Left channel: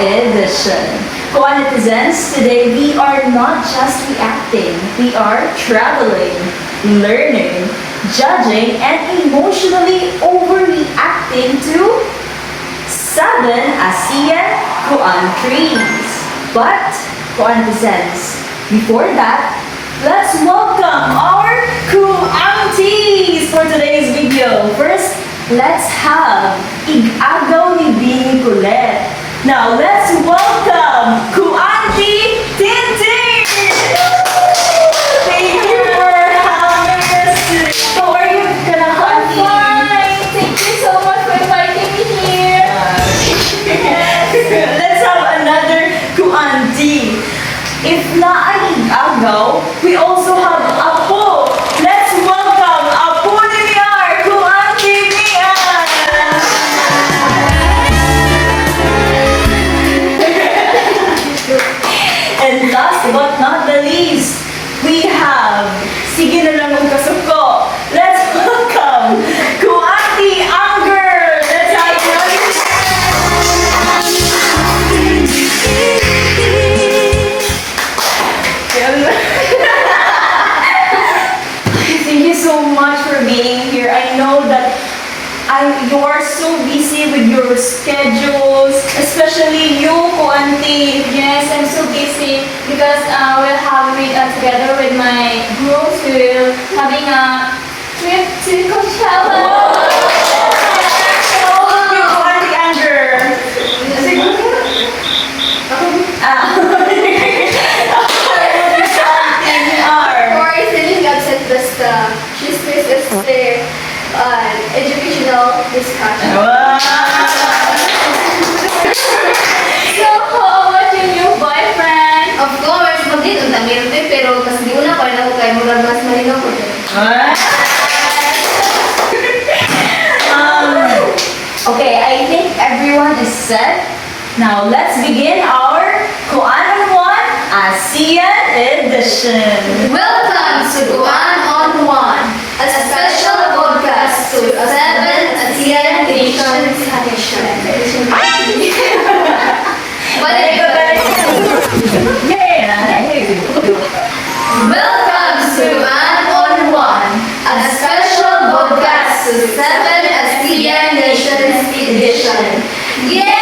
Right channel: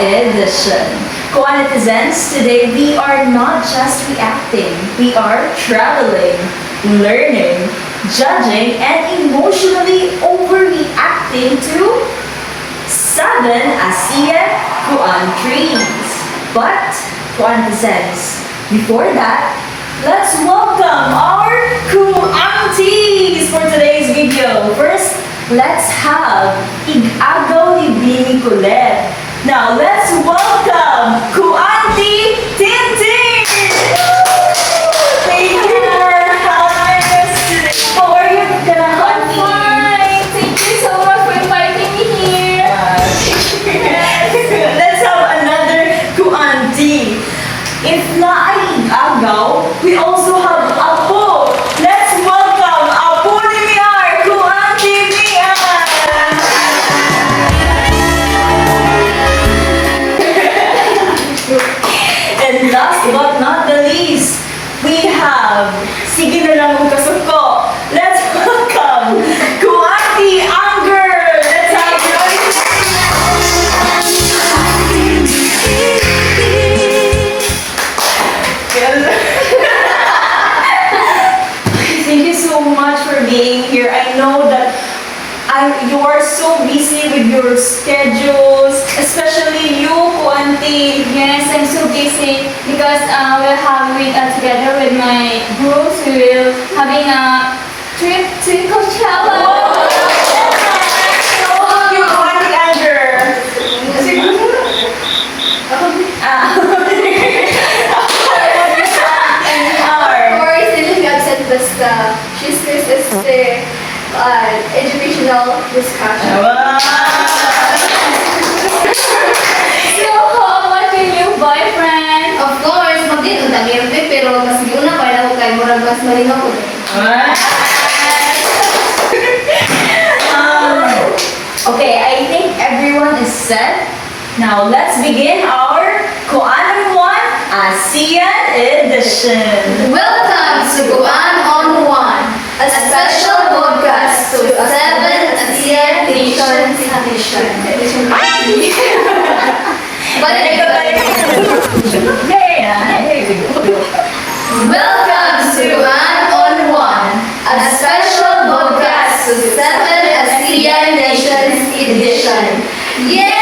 edition. Co-netizens, today we are not just reacting, we are traveling, learning, judging, and emotionally overreacting to 7 ASEAN countries. But, co-netizens, before that, let's welcome our co-aunties for today's video. First, let's have Ig-agaw ni Bini Colette. Now, let's welcome co-auntie Tintin! Thank you for having us today. How are you, auntie? Fine. Thank you so much for inviting me here. Let's have another co-auntie. If na ay Ig-agaw, we also have Apo. Let's welcome Apo ni Miar, co-auntie Miar! And last but not the least, we have Sige na lang ang kasuko. Let's welcome co-auntie Anger! Let's have Thank you so much for being here. I know that you are so busy with your schedules, especially you, co-auntie. Yes, I'm so busy because we're having together with my groups. We're having a trip to Coachella. You, co-auntie Anger. Or still upset basta she's this is educational discussion. So, how about your new boyfriend? Of course, magdito na meron din, pero tas di una pa na kay murag mas malinaw ko din. Okay, I think everyone is set. Now let's begin our Kuan on 1 ASEAN edition. Welcome to Guan on One, a special podcast to 7 ASEAN nations edition. Balik ka, balik ka. Welcome to Guan on One, a special podcast to 7 ASEAN nations edition. Yay!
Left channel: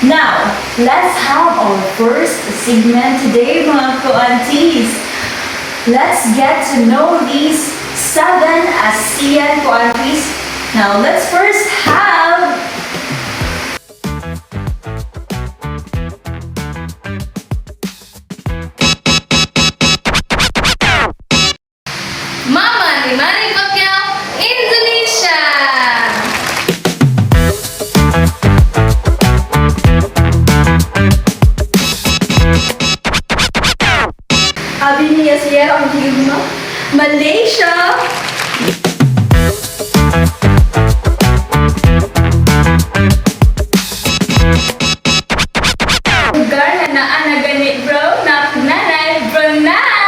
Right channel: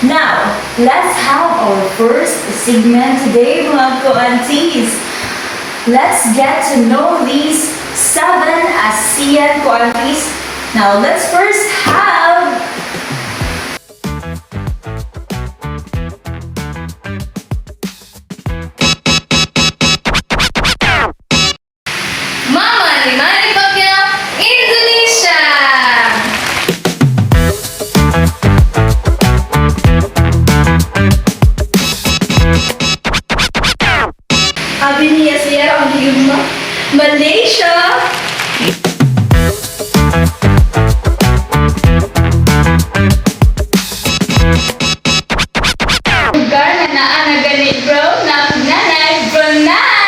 Now, let's have our first segment today, mga ko-aunties. Let's get to know these 7 ASEAN countries. Now, let's first have Mama ni Manny Pacquiao, Indonesia! Abi niya siya ang higma. Malaysia. Lugar na naa na gani bro, na nanay, Brunei.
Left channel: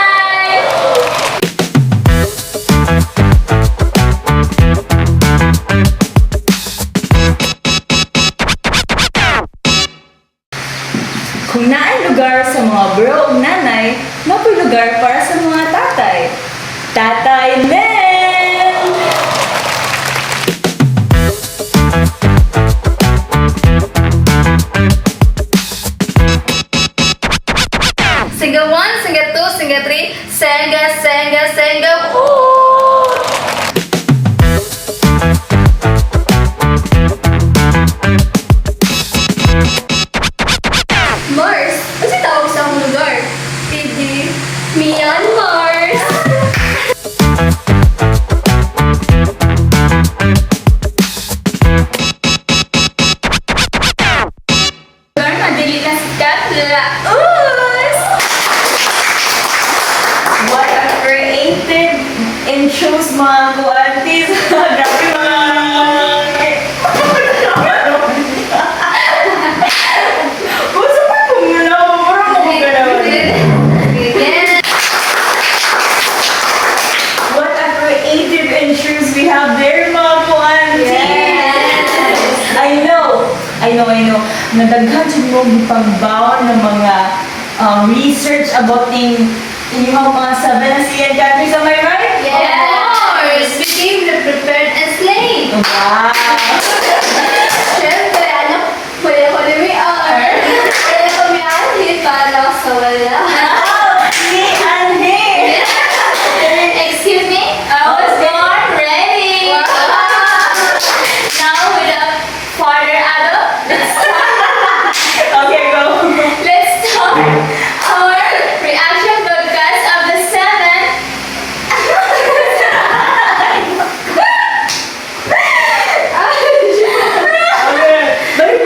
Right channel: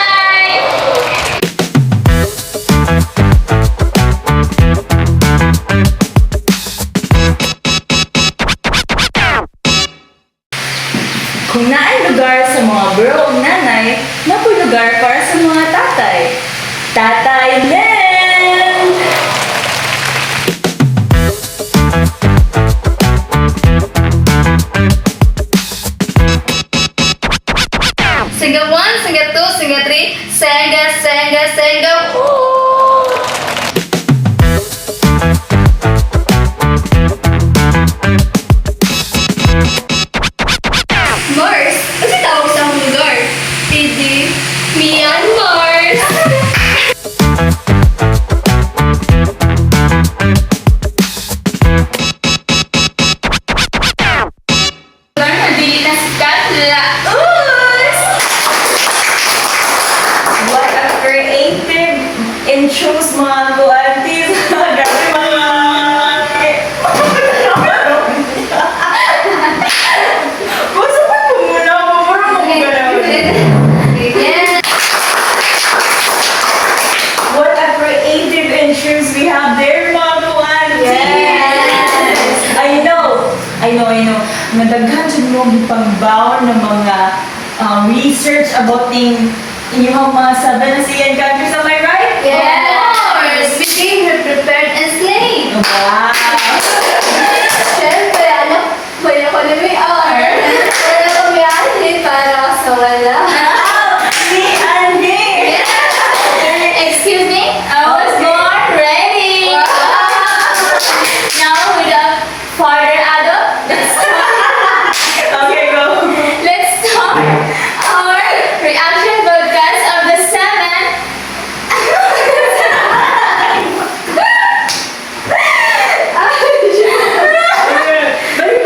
kung naay lugar sa mga bro o nanay, napoy lugar para sa mga tatay. Tatay men! Singa 1, Singa 2, Singa 3, Senga, Senga, Senga, woo! Mars. Kasi tawag sa akong lugar. Hindi. Myanmar. I know. Nadaghan dyan mo ipagbaon ng mga research about inyong mga 7 ASEAN countries. Am I right? Yes. Of course, we came here prepared and slayed. Wow! Siyempre, may economy hour. Wala kami anhit para lang sa wala. Si Anhe! Excuse me, I was Okay. born ready. Now, without further ado, Okay, go! let's start our reaction podcast of the 7. Okay, balik.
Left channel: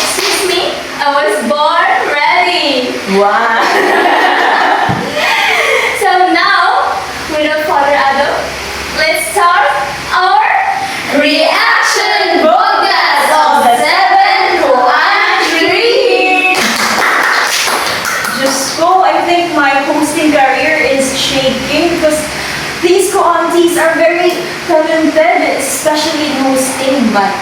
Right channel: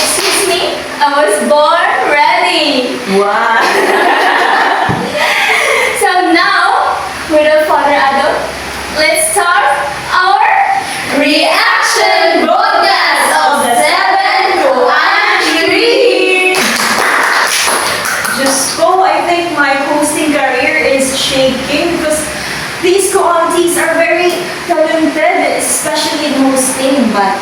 Excuse me, I was born ready. Wow! So now, without further ado, let's start our Reaction podcast of the 7 countries. Just go, I think my hosting career is shaking because these co-aunties are very talented, especially in hosting. But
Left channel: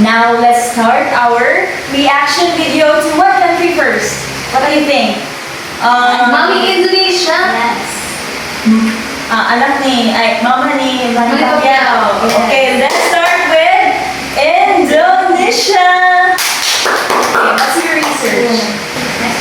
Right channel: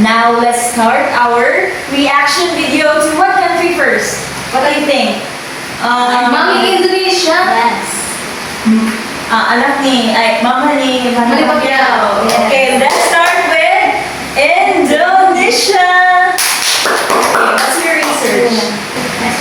now let's start our reaction video to what country first? What do you think? Mami Indonesia. Yes. Anak ni, mama ni Manny Manny Pacquiao. Pacquiao, yes. Okay, let's start with Indonesia. Okay, what's your research?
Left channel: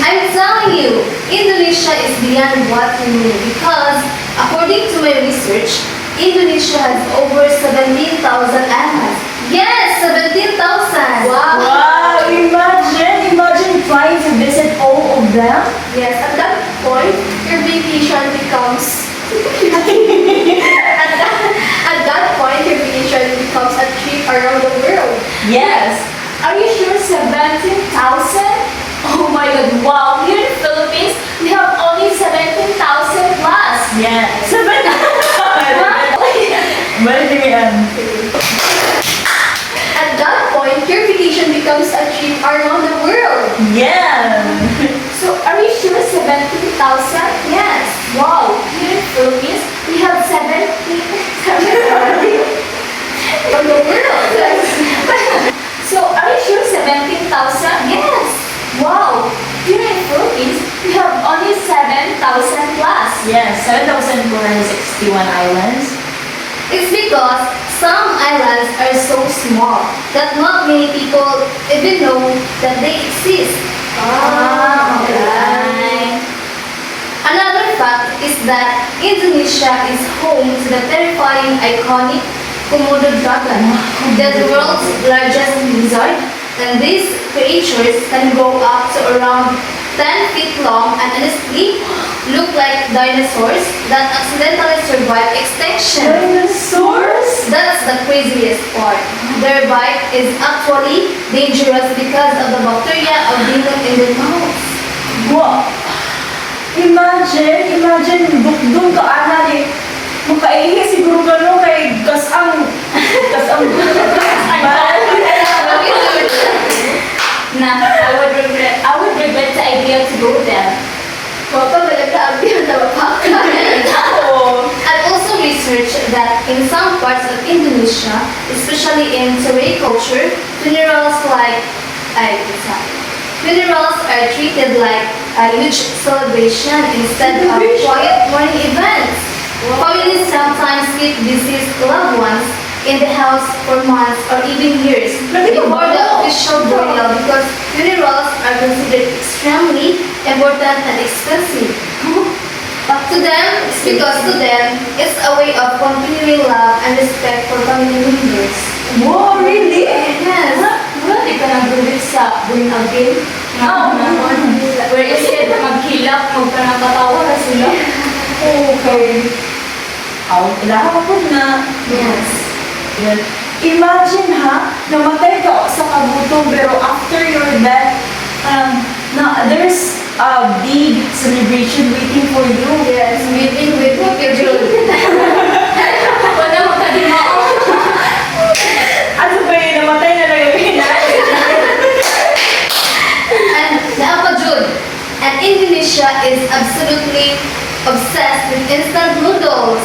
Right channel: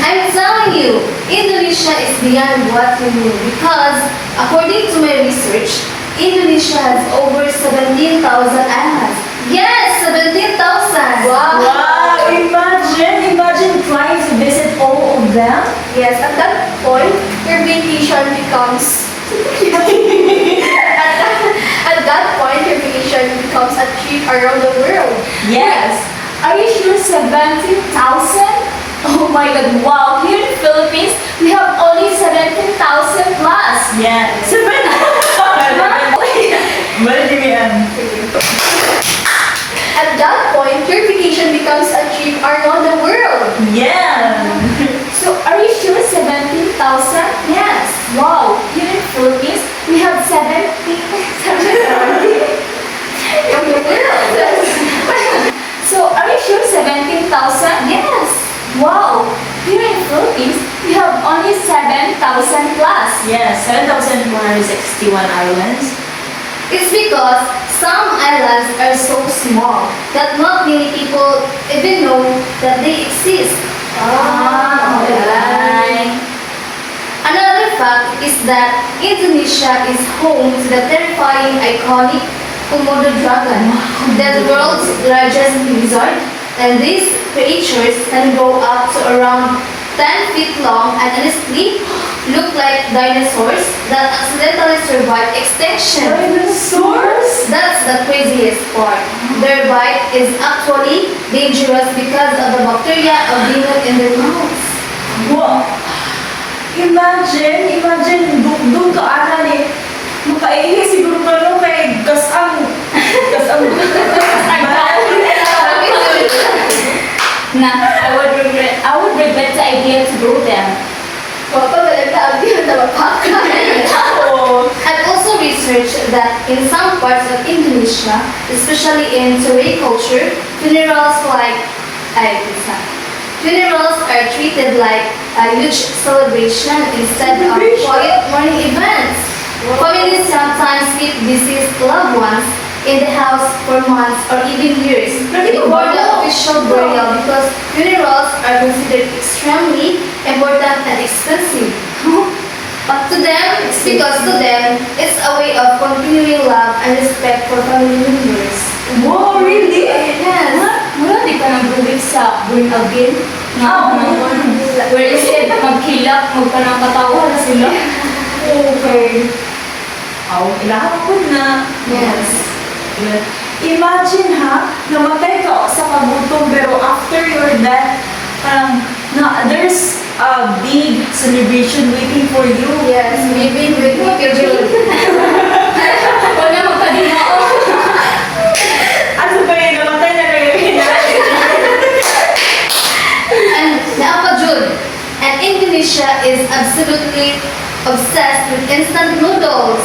I'm telling you, Indonesia is beyond what we knew because, according to my research, Indonesia has over 17,000 islands. Yes, 17,000! Wow, imagine trying to visit all of them. Yes, at that point, your vacation becomes... at that point, your vacation becomes a trip around the world. Yes. Are you sure 17,000? Oh my god, wow. Here in the Philippines, we have only 17,000 plus. Yeah. What did At that point, your vacation becomes a trip around the world. Yeah. So, are you sure 17,000? Yes. Wow. Here in the Philippines, we have 70,000. From the world. So, are you sure 17,000? Yes. Wow. Here in the Philippines, we have only 7,000 plus. Yes, 7,461 islands. It's because some islands are so small that not many people even know that they exist. Okay. Another fact is that Indonesia is home to the terrifying, iconic Komodo dragon, the world's largest lizard, and these creatures can grow up to around 10 feet long and honestly look like dinosaurs that accidentally survived extinction. Dinosaurs? That's the craziest part. Their bite is actually dangerous because of the bacteria of venom in their mouths. Wow. Imagine, dugdung ka ana ni makaihi siguro ka no kay gasang Nah, I would regret the idea to go there. Oh. I've also researched that in some parts of Indonesia, especially in Serai culture, funerals are treated like a huge celebration instead of quiet mourning events. Families sometimes keep deceased loved ones in the house for months or even years before the official burial because funerals are considered extremely important and expensive. But to them, it's because to them, it's a way of continuing love and respect for family members. Wow, really? Yes. Wala di ka nag-believe sa born again? Where instead maghilak, magkanang katawa na sila. Okay. Aw, ilaha po na. Yes. Imagine ha, namatay ka sa kagutom pero after your death, there's a big celebration waiting for you. Yes, maybe with schedule. Wala magpadimao. Ano ba yun? Namatay na nagagawin natin. And Naapajud. And Indonesia is absolutely obsessed with instant noodles.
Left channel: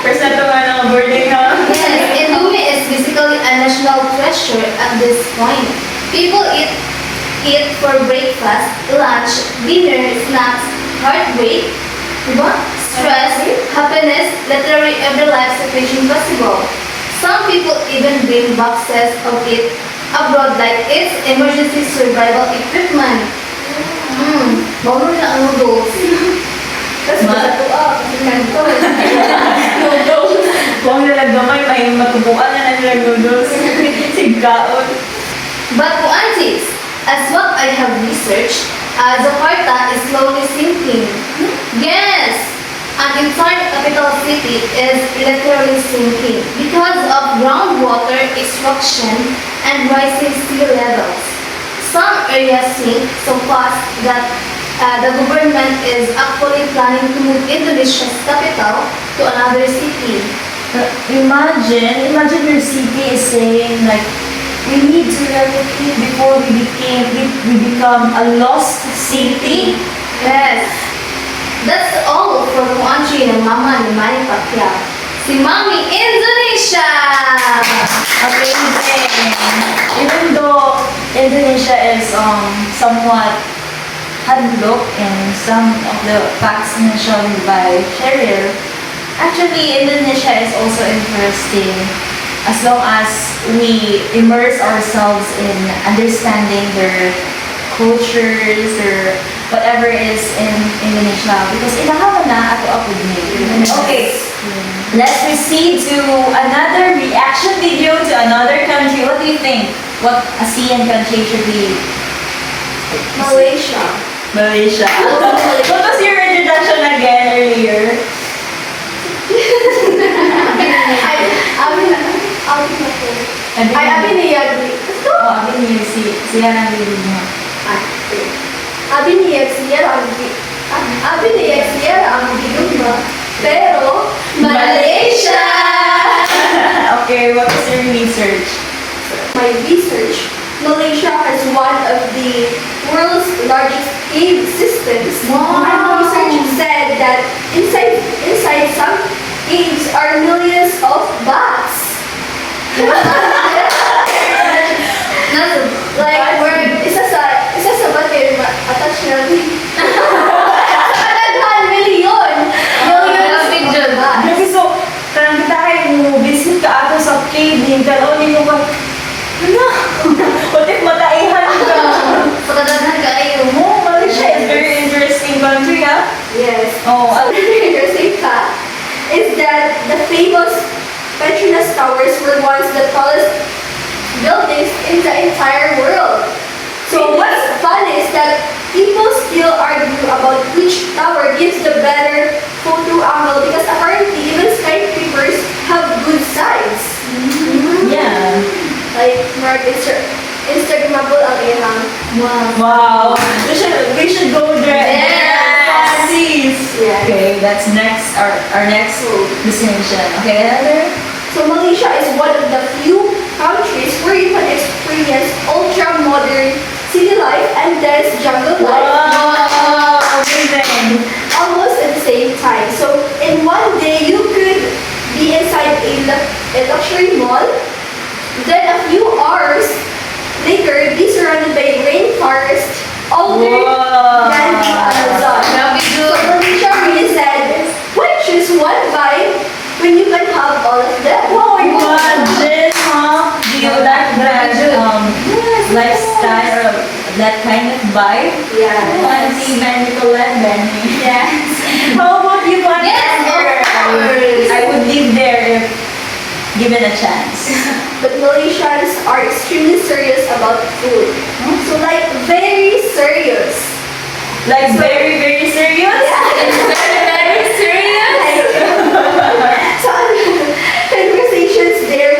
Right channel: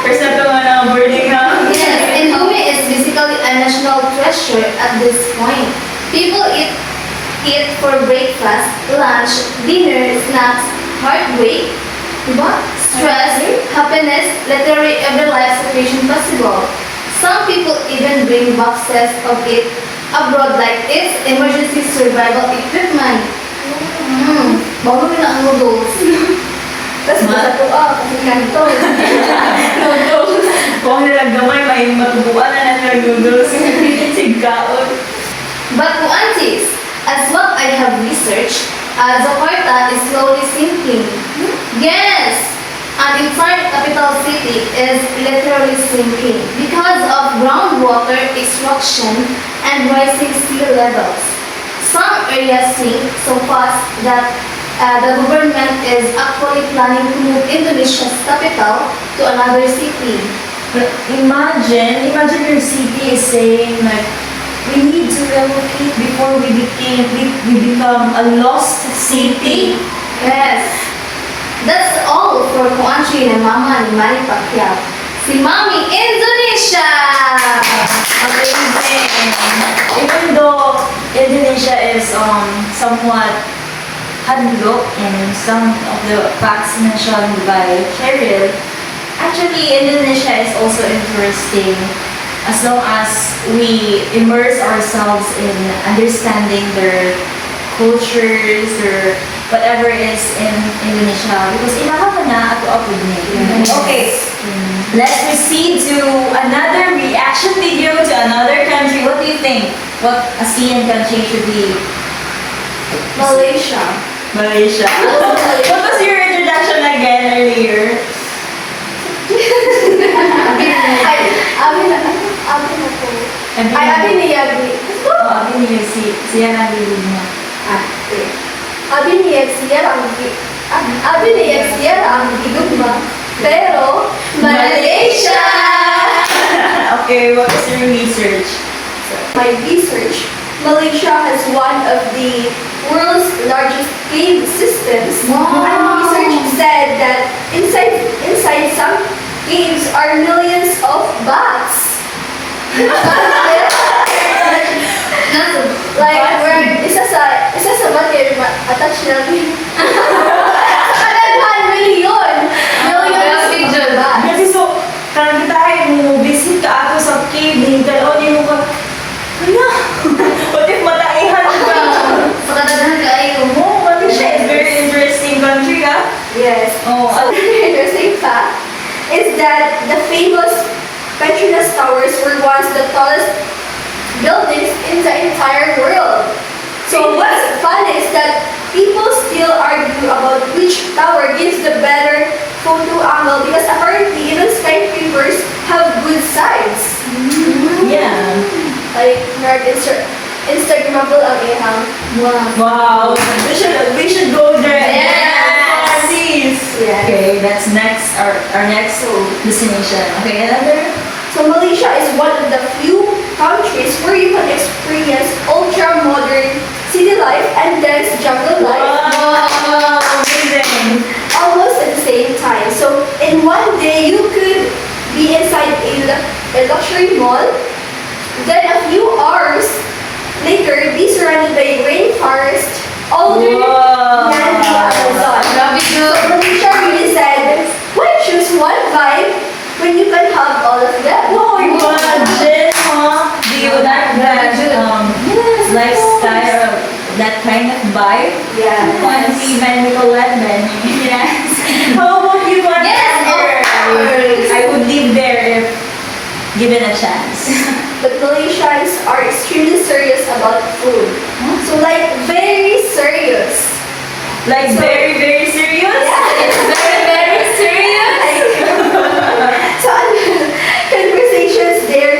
First na ito nga na boarding ha. Yes, Indomie is basically a a national treasure at this point. People eat for breakfast, lunch, dinner, snacks, heartbreak, diba? Stress, happiness, literally every life situation possible. Some people even bring boxes of it abroad like it's emergency survival equipment. Bago na ang noodles. Tapos masatuwa, kasi kanto. Noodles. Kung nalang gamay, may matubuan na nalang noodles. Sigkaon. But to aunties, as what I have researched, Jakarta is slowly sinking. Yes, an entire capital city is literally sinking because of groundwater extraction and rising sea levels. Some areas sink so fast that the government is actually planning to move Indonesia's capital to another city. But imagine your city is saying like, we need to relocate before we become a lost city. Yes. That's all for Kuantri and Mama ni Manny Pacquiao. Si Mami Indonesia! Amazing. Even though Indonesia is somewhat hadlock in some of the facts mentioned by Cheryl, actually Indonesia is also interesting as long as we immerse ourselves in understanding their cultures, their whatever is in Indonesia. Because ilahaman na ato ako din. Okay, let's proceed to another reaction video to another country. What do you think? What ASEAN country should be? Malaysia. Malaysia. What was your introduction again earlier? Abi ni Yagi. Oh, abin niya siya nang bilog niya. Abi ni Yagi ang gigod mo. Pero, Malaysia! Okay, what was your research? My research, Malaysia has one of the world's largest cave systems. Wow. My research said that inside some caves are millions of bats. Like where isa sa bat kayo attach natin. Kadaghan milyon. Millions of bats. Kasi so, karang kita ay mo visit ka ato sa cave, yung tanaw ni mo ka, hala, what if mataihan ka? Pagkadaghan ka ay Oh, Malaysia is very interesting country, ah. Yes. Oh, Another interesting fact is that the famous Petronas Towers were once the tallest buildings in the entire world. So what's fun is that people still argue about which tower gives the better photo angle because apparently even skyscrapers have good sides. yeah. Like Instagrammable ang ihang. Wow. We should go there. Yes. Please. Yes. Okay, that's next our next destination. Okay, another. So Malaysia is one of the few countries where you can experience ultra-modern city life and dense jungle life Wow, amazing. almost at the same time. So in one day, you could be inside a luxury mall, then a few hours later, be surrounded by rainforest, older Wow. than the Amazon. Grabe So good. Malaysia really said, why choose one vibe when you can have all of them? Wow, imagine, huh? Do you like that lifestyle or that kind of vibe? Yeah. Fancy Ben Nicolette, Benny. Yes. How about you, Connie? Yes, of course. I would live there if given a chance. But Malaysians are extremely serious about food. So like very serious. Like very, very serious? It's very, very serious. So conversations there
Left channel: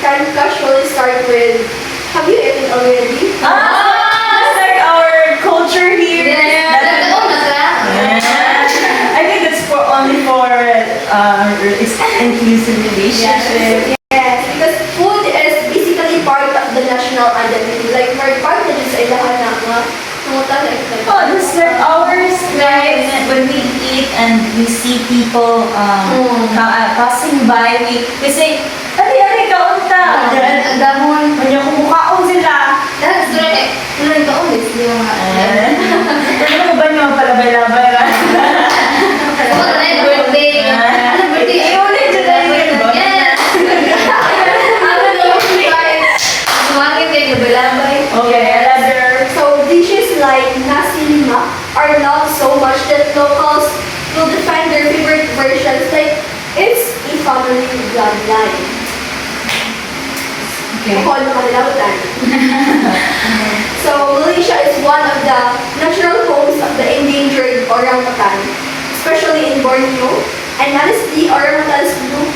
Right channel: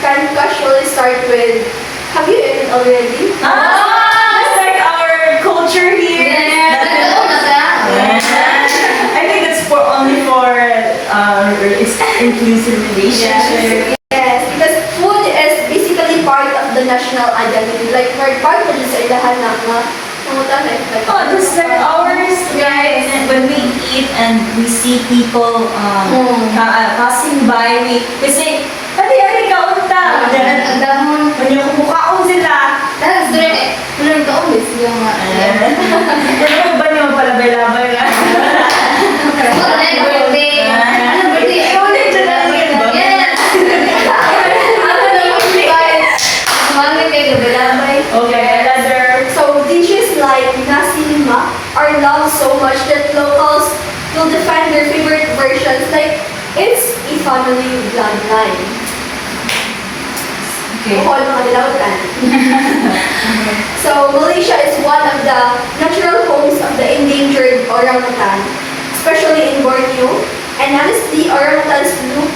can casually start with, have you eaten already? Just like our culture here. Totoo na ka. I think it's only for inclusive relationship. Yes, because food is basically part of the national identity. Like part of sa ilahan na mga Oh, just like ours, right? And when we eat and we see people passing by, we say, "Ate, ate, kaunta!" Ang dahon. Kanya kumukaon sila. Tapos doon kay, tuloy ka ulit. Yung nga. Ano ba niyo palabay-labay lang? Ano yung birthday? Ano birthday? Ulit dyan lang yun ba? Yes! Ano na yung birthday? Sumangit eh, labay-labay. Okay, another. So dishes like nasi lemak are loved so much that locals will define their favorite versions like it's a family bloodline. Okay. All Malautan. So Malaysia is one of the natural homes of the endangered orangutan, especially in Borneo. And honestly, orangutans look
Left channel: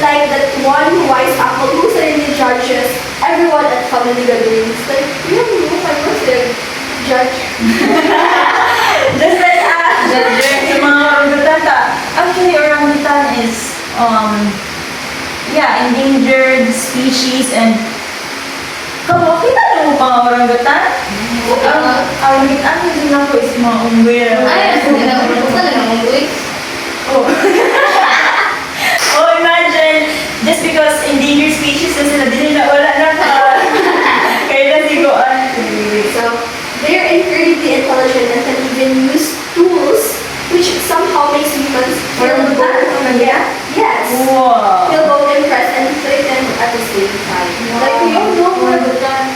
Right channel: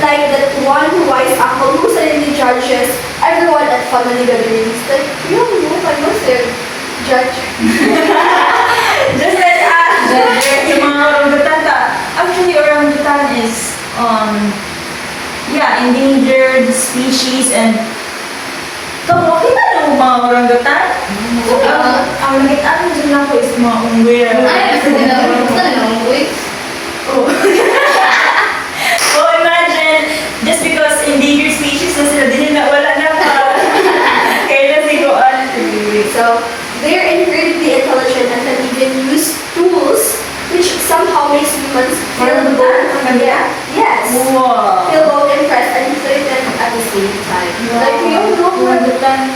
like that one wise uncle who suddenly judges everyone at family gatherings. Like, you I must judge. Just like us. Yung mga orangutan. Actually, orangutan is, yeah, endangered species and kamu, kita yung mga orangutan? Ang likitan mo sila ko is mga ungwira. Ay, gusto na lang uy. Oh. Oh, imagine, just because endangered species na sila, di nila wala na pa. Kaya na siguan. So they are incredibly intelligent and can even use tools which somehow makes humans feel Orangutan? yes. Wow. Feel both impressed and threatened at the same time. Like, we don't know orangutan.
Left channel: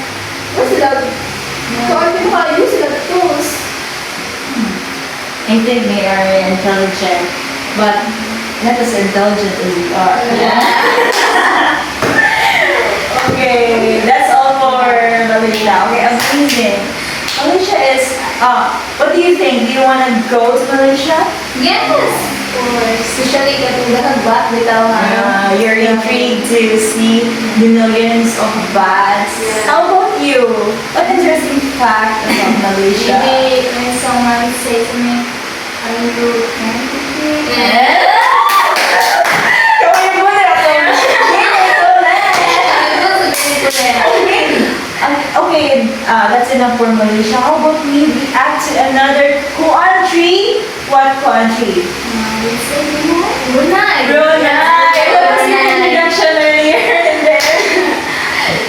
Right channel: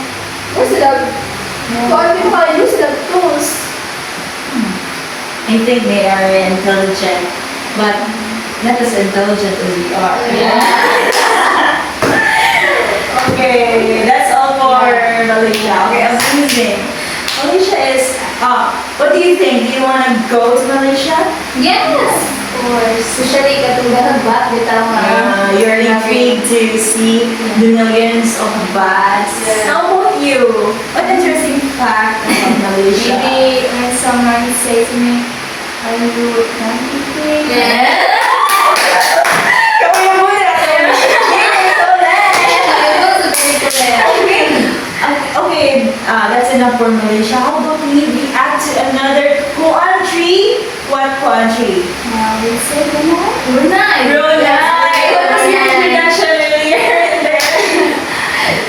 What's it up? So I think how use the tools. I think they are intelligent, but not as intelligent as we are. Okay, that's all for Malaysia. Okay, amazing. Malaysia is, what do you think? Do you want to go to Malaysia? Yes! Or especially katong dahagbat, bitaw nga. You're intrigued to see the millions of bats. How about you? What interesting fact about Malaysia? Maybe when someone say to me, are you 93? Kawin mo na ako. Okay, that's enough for Malaysia. How about we add to another country? What country? We say Brunei. Brunei! Brunei! What was the introduction earlier in there?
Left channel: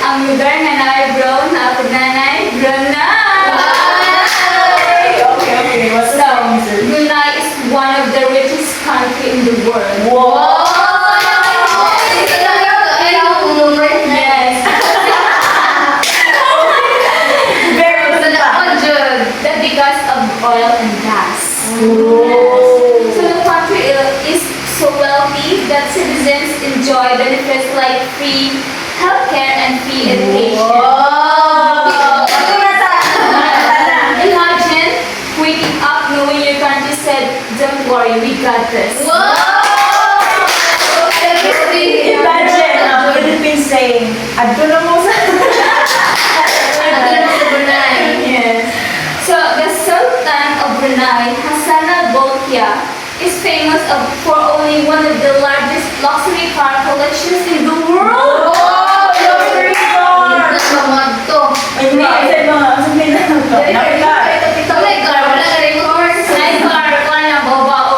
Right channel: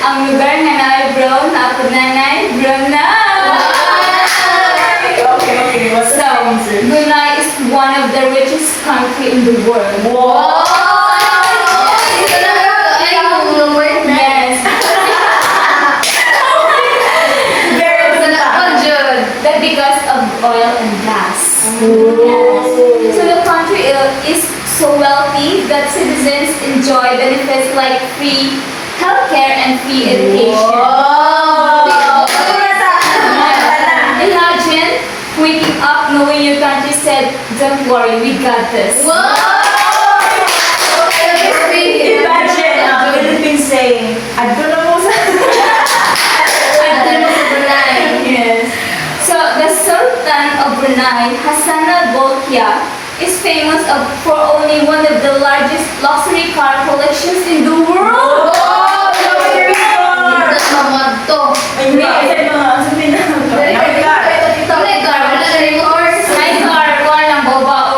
Ang lugar nga naay bro, naapod nanay, Brunei! Okay, what's the answer? Brunei is one of the richest country in the world. Wow! Yes, Very good fact. that because of oil and gas. Oh. So the country is so wealthy that citizens enjoy benefits like free healthcare and free education. Imagine waking up knowing your country said, "Don't worry, we got this." Imagine Philippines saying, "Adto na mo sa..." Yes. So the Sultan of Brunei, Hassan al-Bolkiah, is famous for owning one of the largest luxury car collections in the world. Luxury car! Ay, mga sabihin na nakita. Nice car, wala lang babao.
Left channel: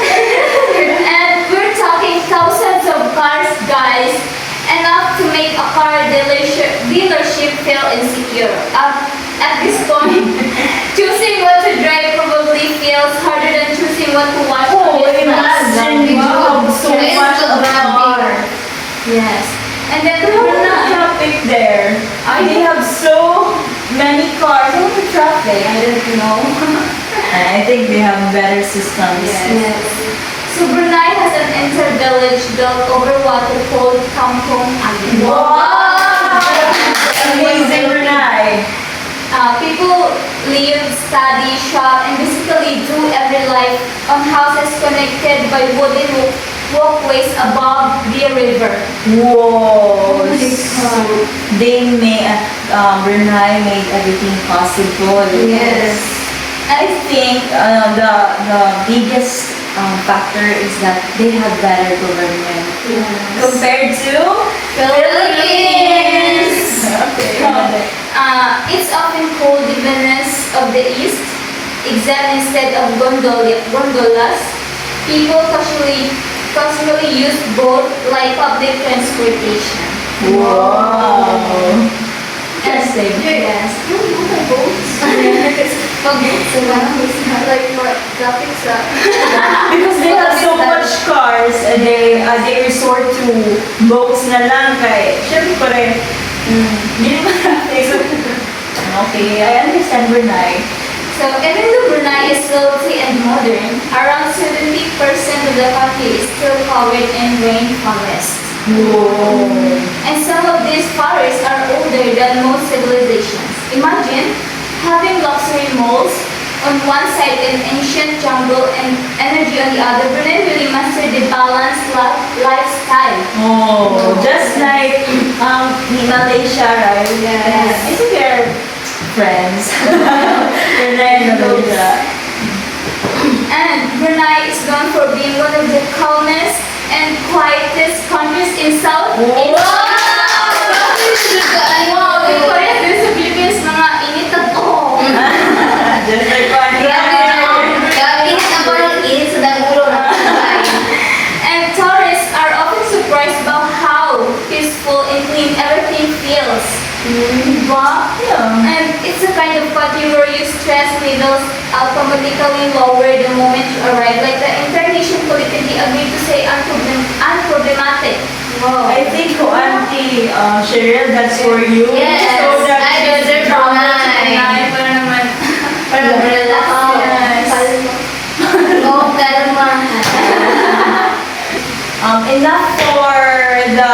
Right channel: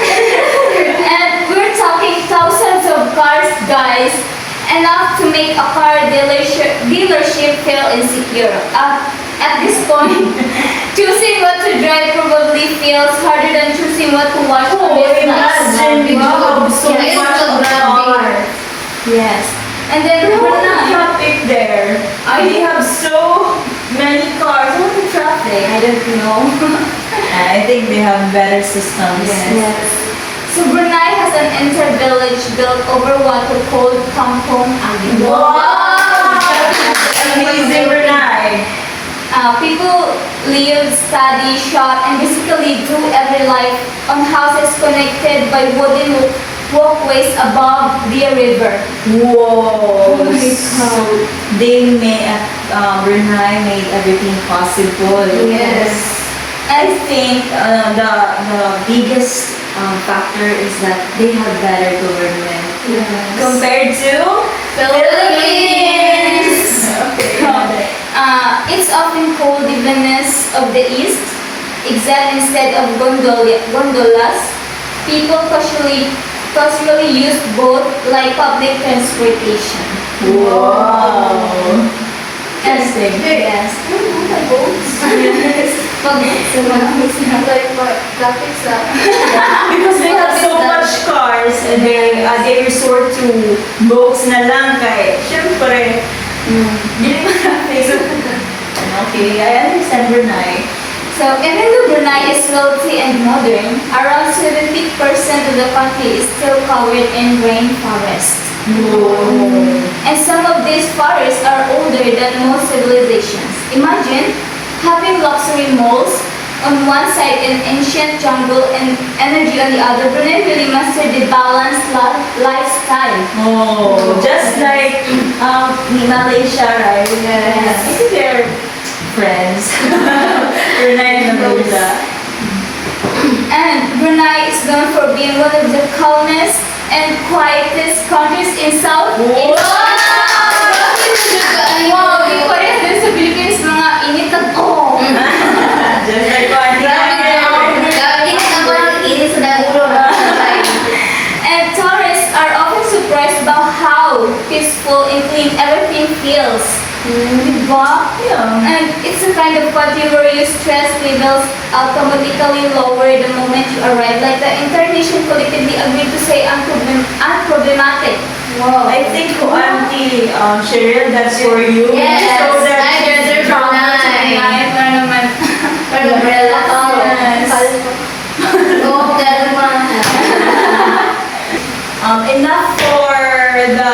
And we're talking thousands of cars, guys. Enough to make a car dealership feel insecure. At this point, choosing what to drive probably feels harder than choosing what to watch on Oh, Netflix. imagine you have so much of car. Yes. And then What's the Brunei. traffic there? They have so many cars. What's the traffic? I don't know. I think they have better systems. Yes. So Brunei has an inter-village built over water called Kampong Agung. Wow! Amazing Brunei. People live, study, shop, and basically do every life on houses connected by wooden walkways above the river. Whoa! Oh my God. So they made Brunei made everything possible. Yes. I think the biggest factor is that they have better government compared to Philippines. Okay. It's often called the Venice of the East, except instead of gondolas, people casually casually use both like public transportation. Wow. Interesting. Yes. Like what traffic sa Because they have so much cars and they resort to boats na lang kay syempre hindi pa okay, I understand Brunei. So, even though Brunei is wealthy and modern, around 70% of the country is still covered in rainforest. Whoa. And some of these forests are older than most civilizations. Imagine having luxury malls on one side and ancient jungle and energy on the other. Brunei really mastered the balanced lifestyle. Oh, just like Malaysia, right? Yes. I think they're friends. Brunei and Malaysia. And Brunei is known for being one of the calmest and quietest countries in Southeast Asia. Wow, in Korea, dun sa Philippines, mga init at Just like what And tourists are often surprised about how peaceful and clean everything feels. Diba? Yeah. And it's a kind of country where your stress levels automatically lower the moment you arrive. Like the entire nation collectively agreed to say unproblematic. Wow. I think Auntie Cheryl, that's for you. Yes, So that's I deserve Brunei. Para naman. Para relax. Oh, kalma. Enough for the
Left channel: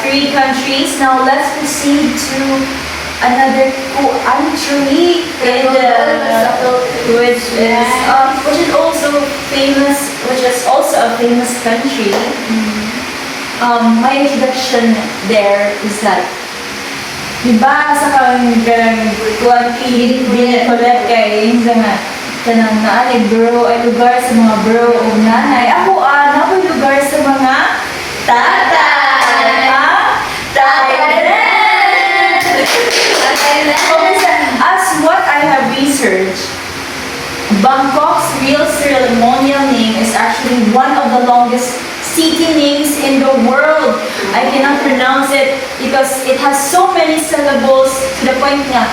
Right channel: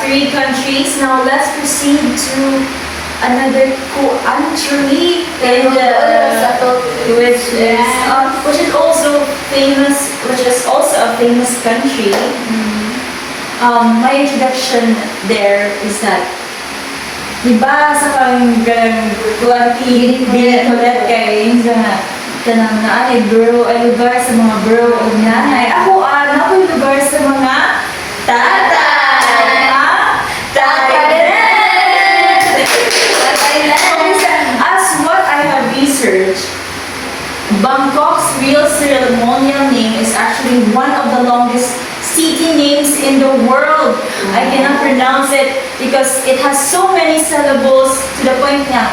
three countries. Now let's proceed to another country, and which is also famous, which is also a famous country. My introduction there is that, diba sa kang kuanti binikulat kay sa kanang naanay bro ay lugar sa mga bro o nanay. Ako nakoy lugar sa mga tatay. Thailand! As what I have researched, Bangkok's real ceremonial name is actually one of the longest city names in the world. I cannot pronounce it because it has so many syllables to the point na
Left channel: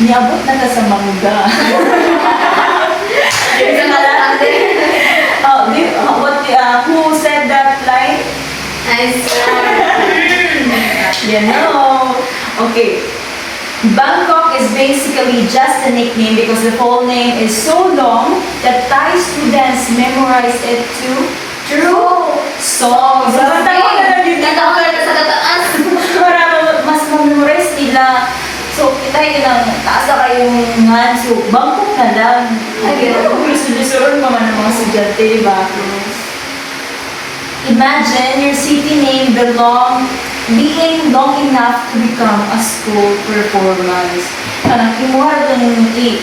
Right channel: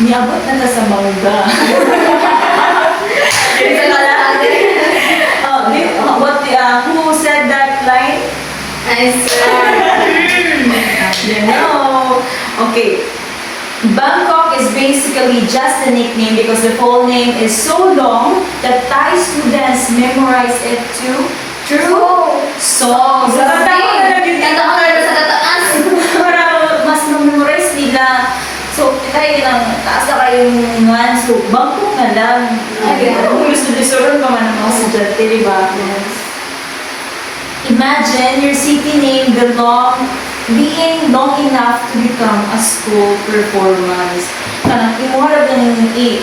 niabot na ta sa mangga. Who said that line? I swear. You know. Okay. Bangkok is basically just a nickname because the full name is so long that Thai students memorize it through songs. So, tatawa na lang yung Tatawa na sa tataas. para mas memorize nila. So, kita lang, taas na kayong nga. So, Bangkok na lang. Kung gusto-gusto pa man ng mga estudyante, di ba? Imagine your city name being long enough to become a school performance. Kanang imuharap lang yung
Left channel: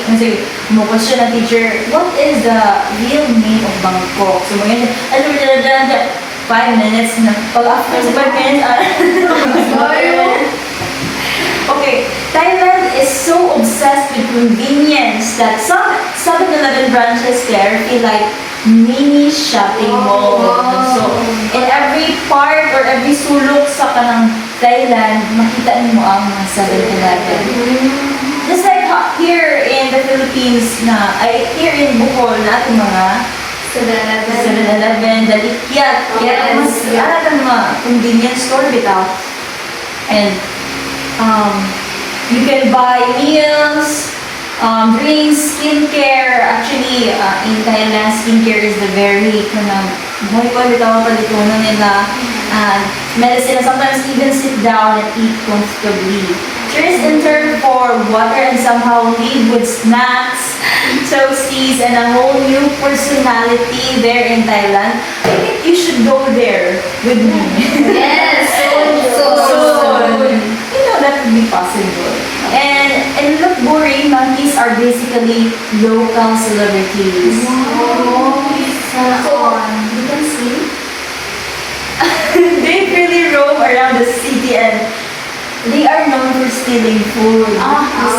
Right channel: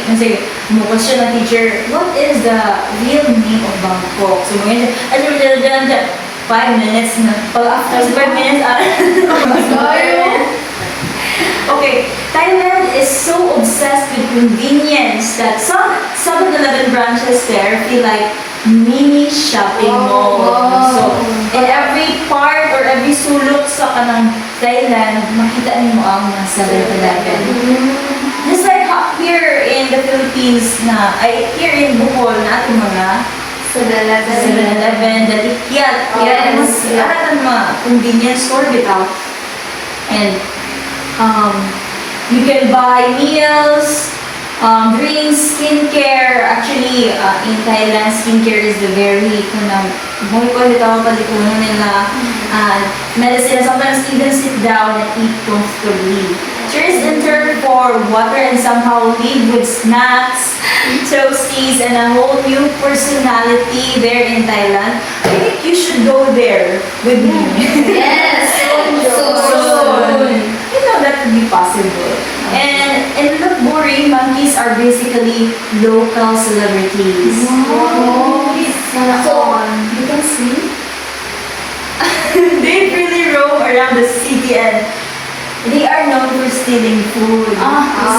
kasi mo question ng teacher, what is the real name of Bangkok? So mga siya, 5 minutes na. Pag after 5 minutes, okay, Thailand is so obsessed with convenience that some 7-Eleven branches there feel like mini shopping mall. So, in every part or every sulok sa kanang Thailand, makita niyo ang mga 7-Eleven. Just like here in the Philippines here in Bohol na ating mga 7-Eleven, Dalikyat, mas aratan mga convenience store bitaw. And you can buy meals, drinks, skincare. Actually, in Thailand, skincare is the very buhay ko bitaw palitunan nila. Medicine, sometimes even sit down and eat comfortably. Tourists enter for water and somehow leave with snacks, toasties, and a whole new personality there in Thailand. I think you should go there with me. Yes, Soon. You know that would be possible. And in Lopburi, monkeys are basically local celebrities. You can see. They really roam around the city and they are known for stealing food,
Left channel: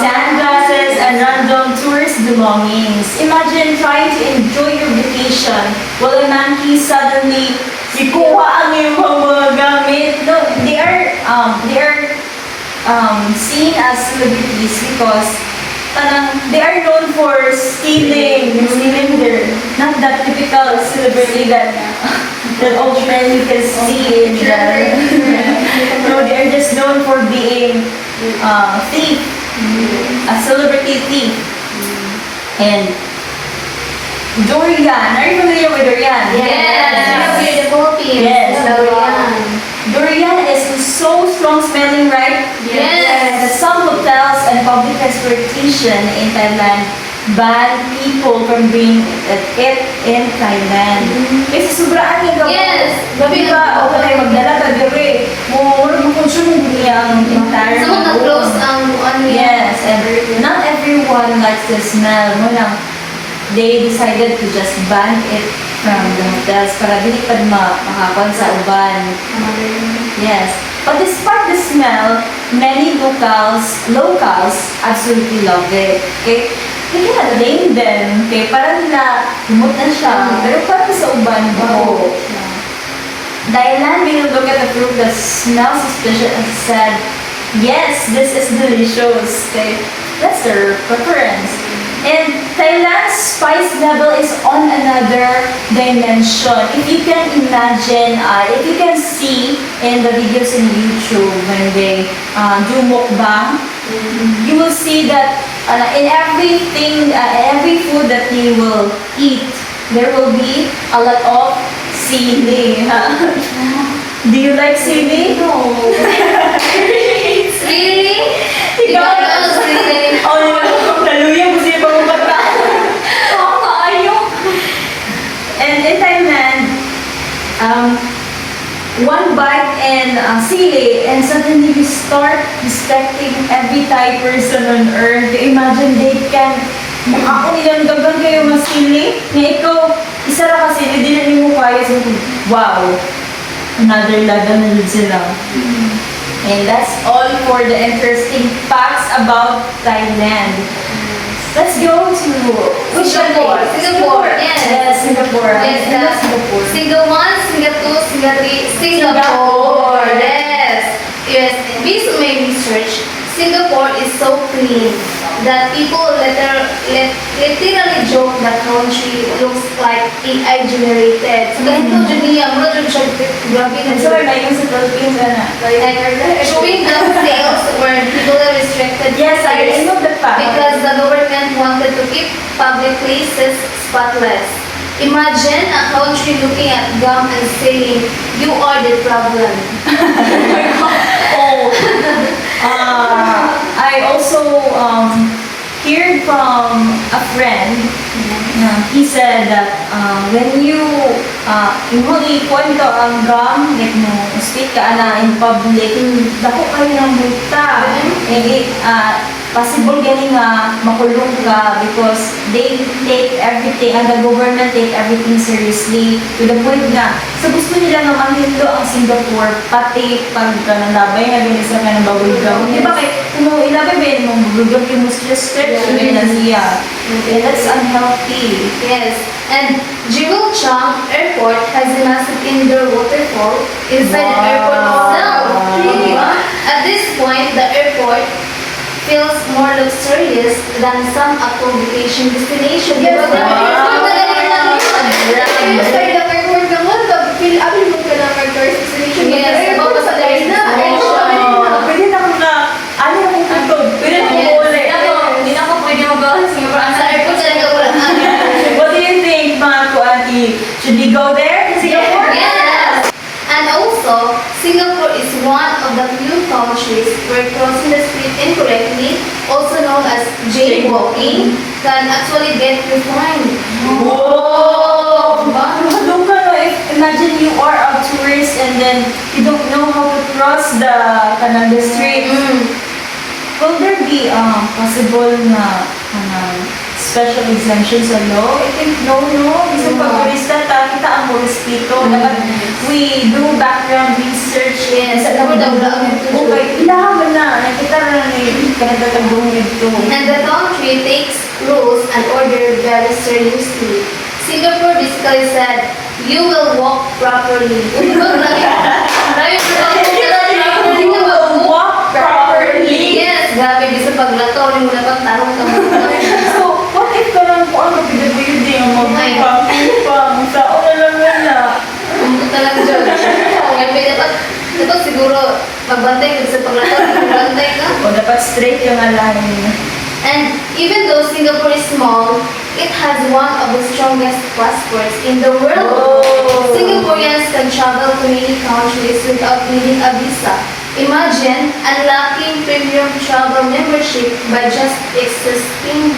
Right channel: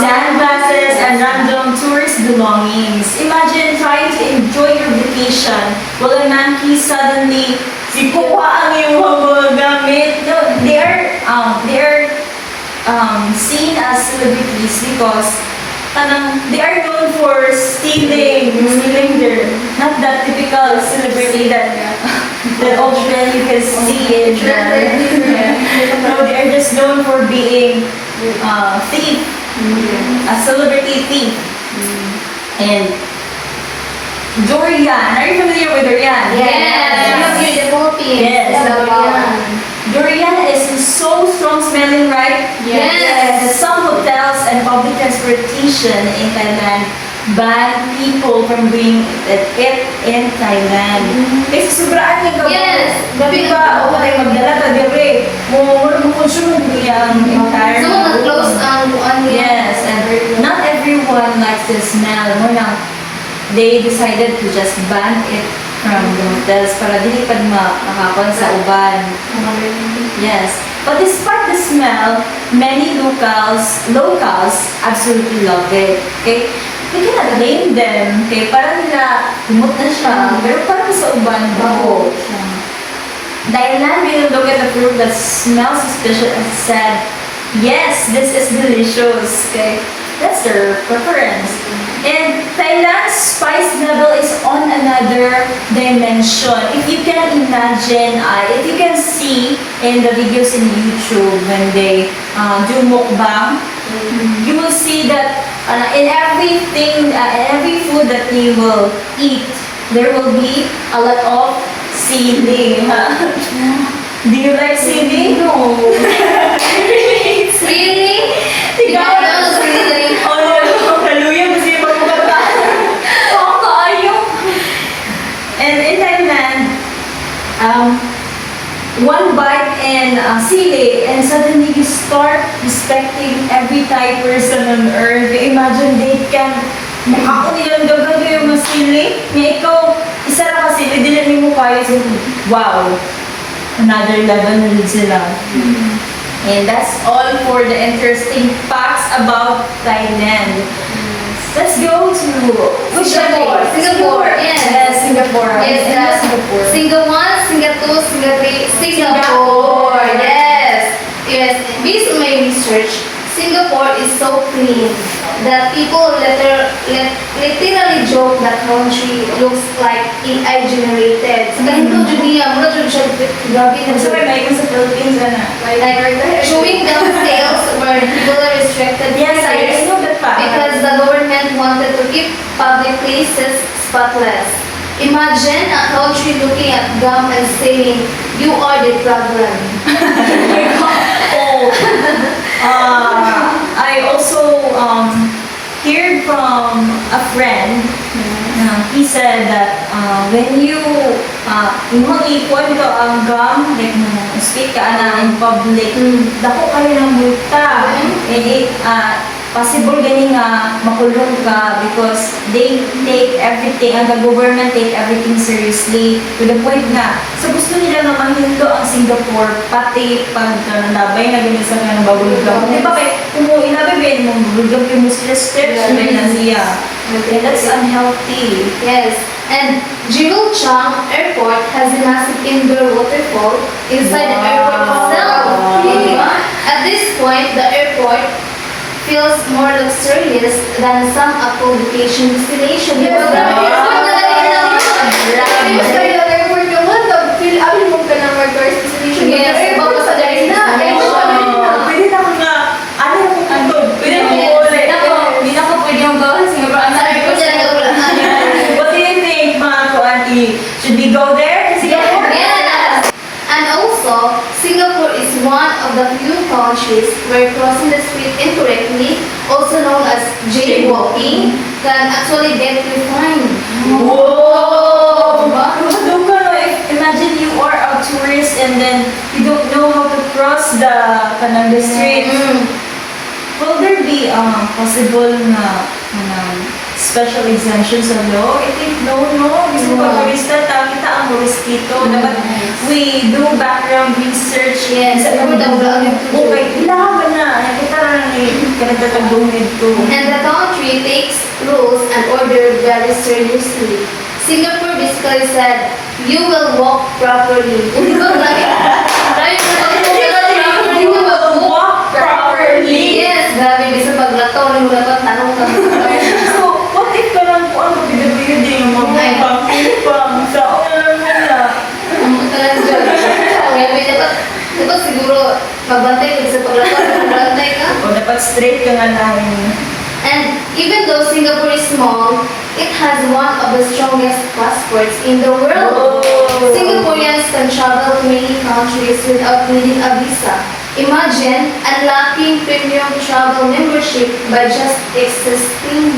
sunglasses, and random tourist belongings. Imagine trying to enjoy your vacation while a monkey suddenly Si kuha ang iyong mga gamit. No, they are seen as celebrities because they are known for stealing their, not that typical celebrity that often you can see in no, they are just known for being thief, a celebrity thief. And Durian, are you familiar with durian? Yes. Here in the Philippines. Yes. Durian. Durian is so strong smelling, right? Yes. That some hotels and public transportation in Thailand ban people from bringing it in Thailand. Kasi sobraan yung gawin. Yes. Gabi ba, o tayo magdala ta dire. Mo consume yung entire. So, nag-close ang Yes, and not everyone likes the smell. Mo lang, they decided to just ban it from the hotels para dili pa makakon sa uban. Yes. But despite the smell, many locals absolutely love it. Okay? We cannot blame them. Okay? Para nila, humot na siya. Pero para sa uban, bago. Thailand will look at the fruit that smells suspicious and said, yes, this is delicious. Okay? That's their preference. And Thailand's spice level is on another dimension. If you can imagine, if you can see in the videos in YouTube when they do mukbang, you will see that in everything, every food that they will eat, there will be a lot of sili. Do you like sili? No. Really? Ikaw? Oh, kaluya, gusto yung pagkakata. And in Thailand, one bite and sili, and suddenly you start respecting every Thai person on earth. Imagine they can makakon nilang dagan kayo mga sili. Nga ikaw, isa ra ka sili, dili mo kaya. So, wow, another level na din sila. And that's all for the interesting facts about Thailand. Let's go to which Singapore. country? Singapore. Yes. Yes, Singapore. Yes, Singapore. Single 1, Single 2, Single 3, Singapore. Yes. Yes. Based on my research, Singapore is so clean that people literally joke that country looks like AI generated. Sa ganito dyan niya, mula dyan siya, grabe na So, may sa Philippines, ano? like showing down sales where people are restricted. Yes, I know that fact. Because the government wanted to keep public places spotless. Imagine a country looking at gum and saying, you are the problem. Oh, I also heard from a friend. He said that when you yung ikuan ito ang gum, like mo speak ka na in public, dako kayo ng multa. Possible gani nga makulong ka because they take everything, and the government take everything seriously to the point na sa gusto nila na manhindo ang Singapore pati pag nanabay na ganisa ka ng bubble gum. Di ba kay kung ilabi ba yung bubble gum yung muscle stretch na siya. And that's unhealthy. Yes, and Jewel Chang Airport has a massive indoor waterfall inside the airport itself. Wow. At this point, the airport feels more luxurious than some approved vacation destination. Yes, Diba? Yes, kaya na airport naman, feel abli mo ka ng tourist destination. Yes, Airport about sa the dahil na. destination. Pwede na ko na, ano yung pupunto? Pwede na ko uli. Hindi na ko pwede mag-gawin sa Singapore. Sa airport talaga wala. What do you think, mga kuanti? Should we go there to Singapore? Yes! And also, Singapore is one of the few countries where crossing the street incorrectly, also known as jaywalking, can actually get you fined. Whoa! Doon ka no, imagine you are a tourist and then you don't know how to cross the street. Will there be possible na special exemptions sa law? I think no. Gusto pa turista, kita ang turistito. Dapat we do background research. Yes, Sa dapat daw okay, ilahaman na. Nakita na kanagtatagong nito. And the country takes rules and order very seriously. Singapore basically said, you will walk properly. Look like You will walk properly. Yes, grabe, bisa paglato, hindi mo dapat tanong ka. So, what if parang kung ano PWD yung magpapang sa una lang muna? Talagang dyan. Grabe, dapat siguro magbantay kung sa paglato, magbantay ka. O dapat straight yung line. And even though Singapore is small, it has one of the strongest passports in the world. Oh. Singaporeans can travel to many countries without needing a visa. Imagine unlocking premium travel membership by just existing.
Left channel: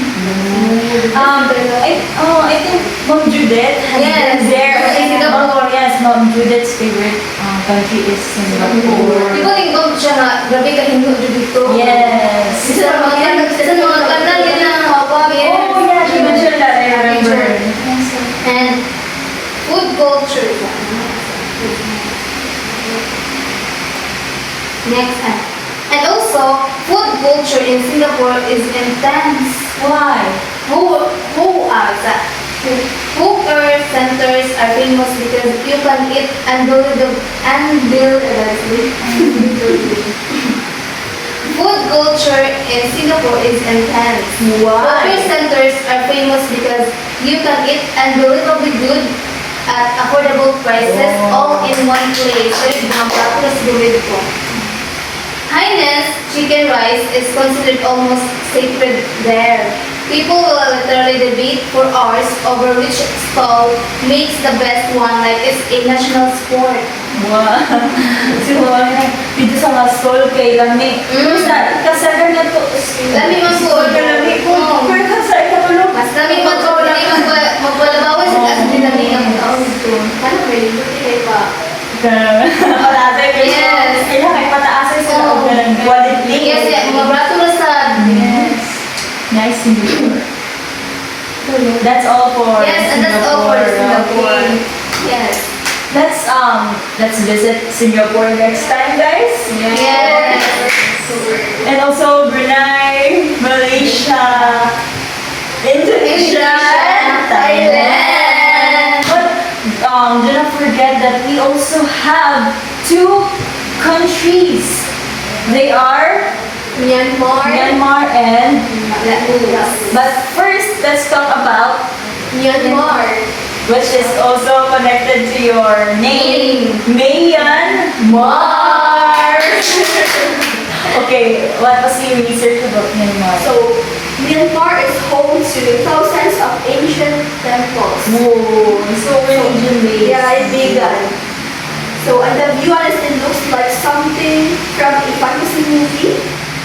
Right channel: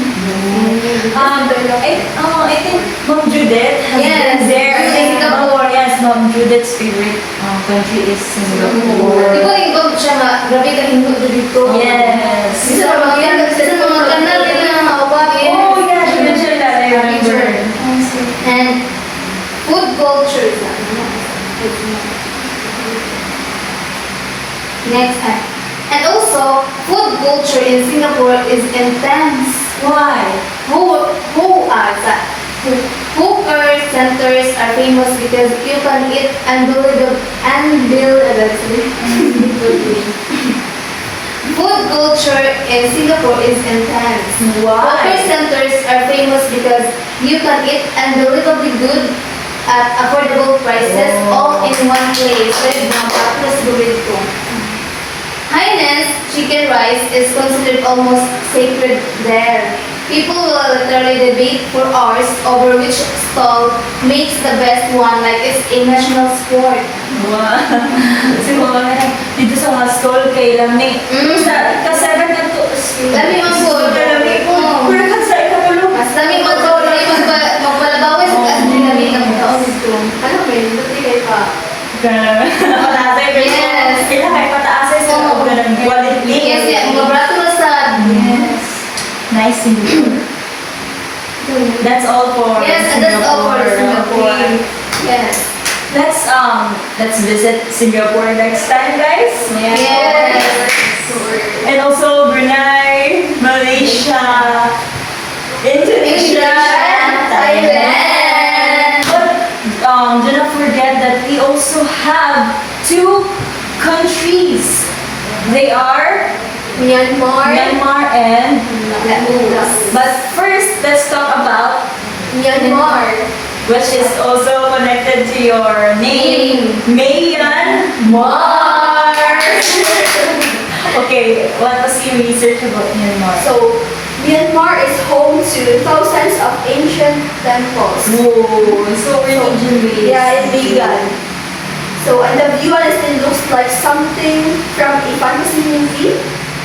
I think Mom Judith has Yes, been there. in Singapore. Yes, Mom Judith's favorite country is Singapore. Di ba yung siya nga, grabe ka hingo dito. Yes. Sa mga kanal din na hawag. Oh, yeah, she mentioned that. I remember. And food culture. Next time. And also, food culture in Singapore is intense. Why? Hawker centers are famous because you can eat unbelievably. Food culture in Singapore is intense. Why? Hawker centers are famous because you can eat unbelievably good at affordable prices all in one place. Very plus ko. Hainanese chicken rice is considered almost sacred there. People will literally debate for hours over which stall makes the best one, like it's a national sport. Wow. So, dito sa mga stall kay Lami. Kasagan na to. Lami man po. Lami po. Pero kasay ka pa lo. Mas lami magwalabawis at dinami ng taon ito. Ano ba yun? Hindi pa. Pataasay pero Yes. kailangan pataasay sa loob ka ng quality. Yes, yeah. Mga brato na sa... Yes. Nice Singapore. That's all for Yes, and that's all for Singapore. Okay. Yes. Let's visit Singapore next time, guys. Yes. And also Brunei, Malaysia, Indonesia, Thailand. But do not forget that we also have two countries. They are Myanmar. Myanmar and. But first, let's talk about Myanmar. which is also connected to your name, Myanmar. Okay, what was your research about Myanmar? So, Myanmar is home to thousands of ancient temples. Whoa, so religion based. Yeah, it's vegan. So, and the view honestly looks like something from a fantasy movie.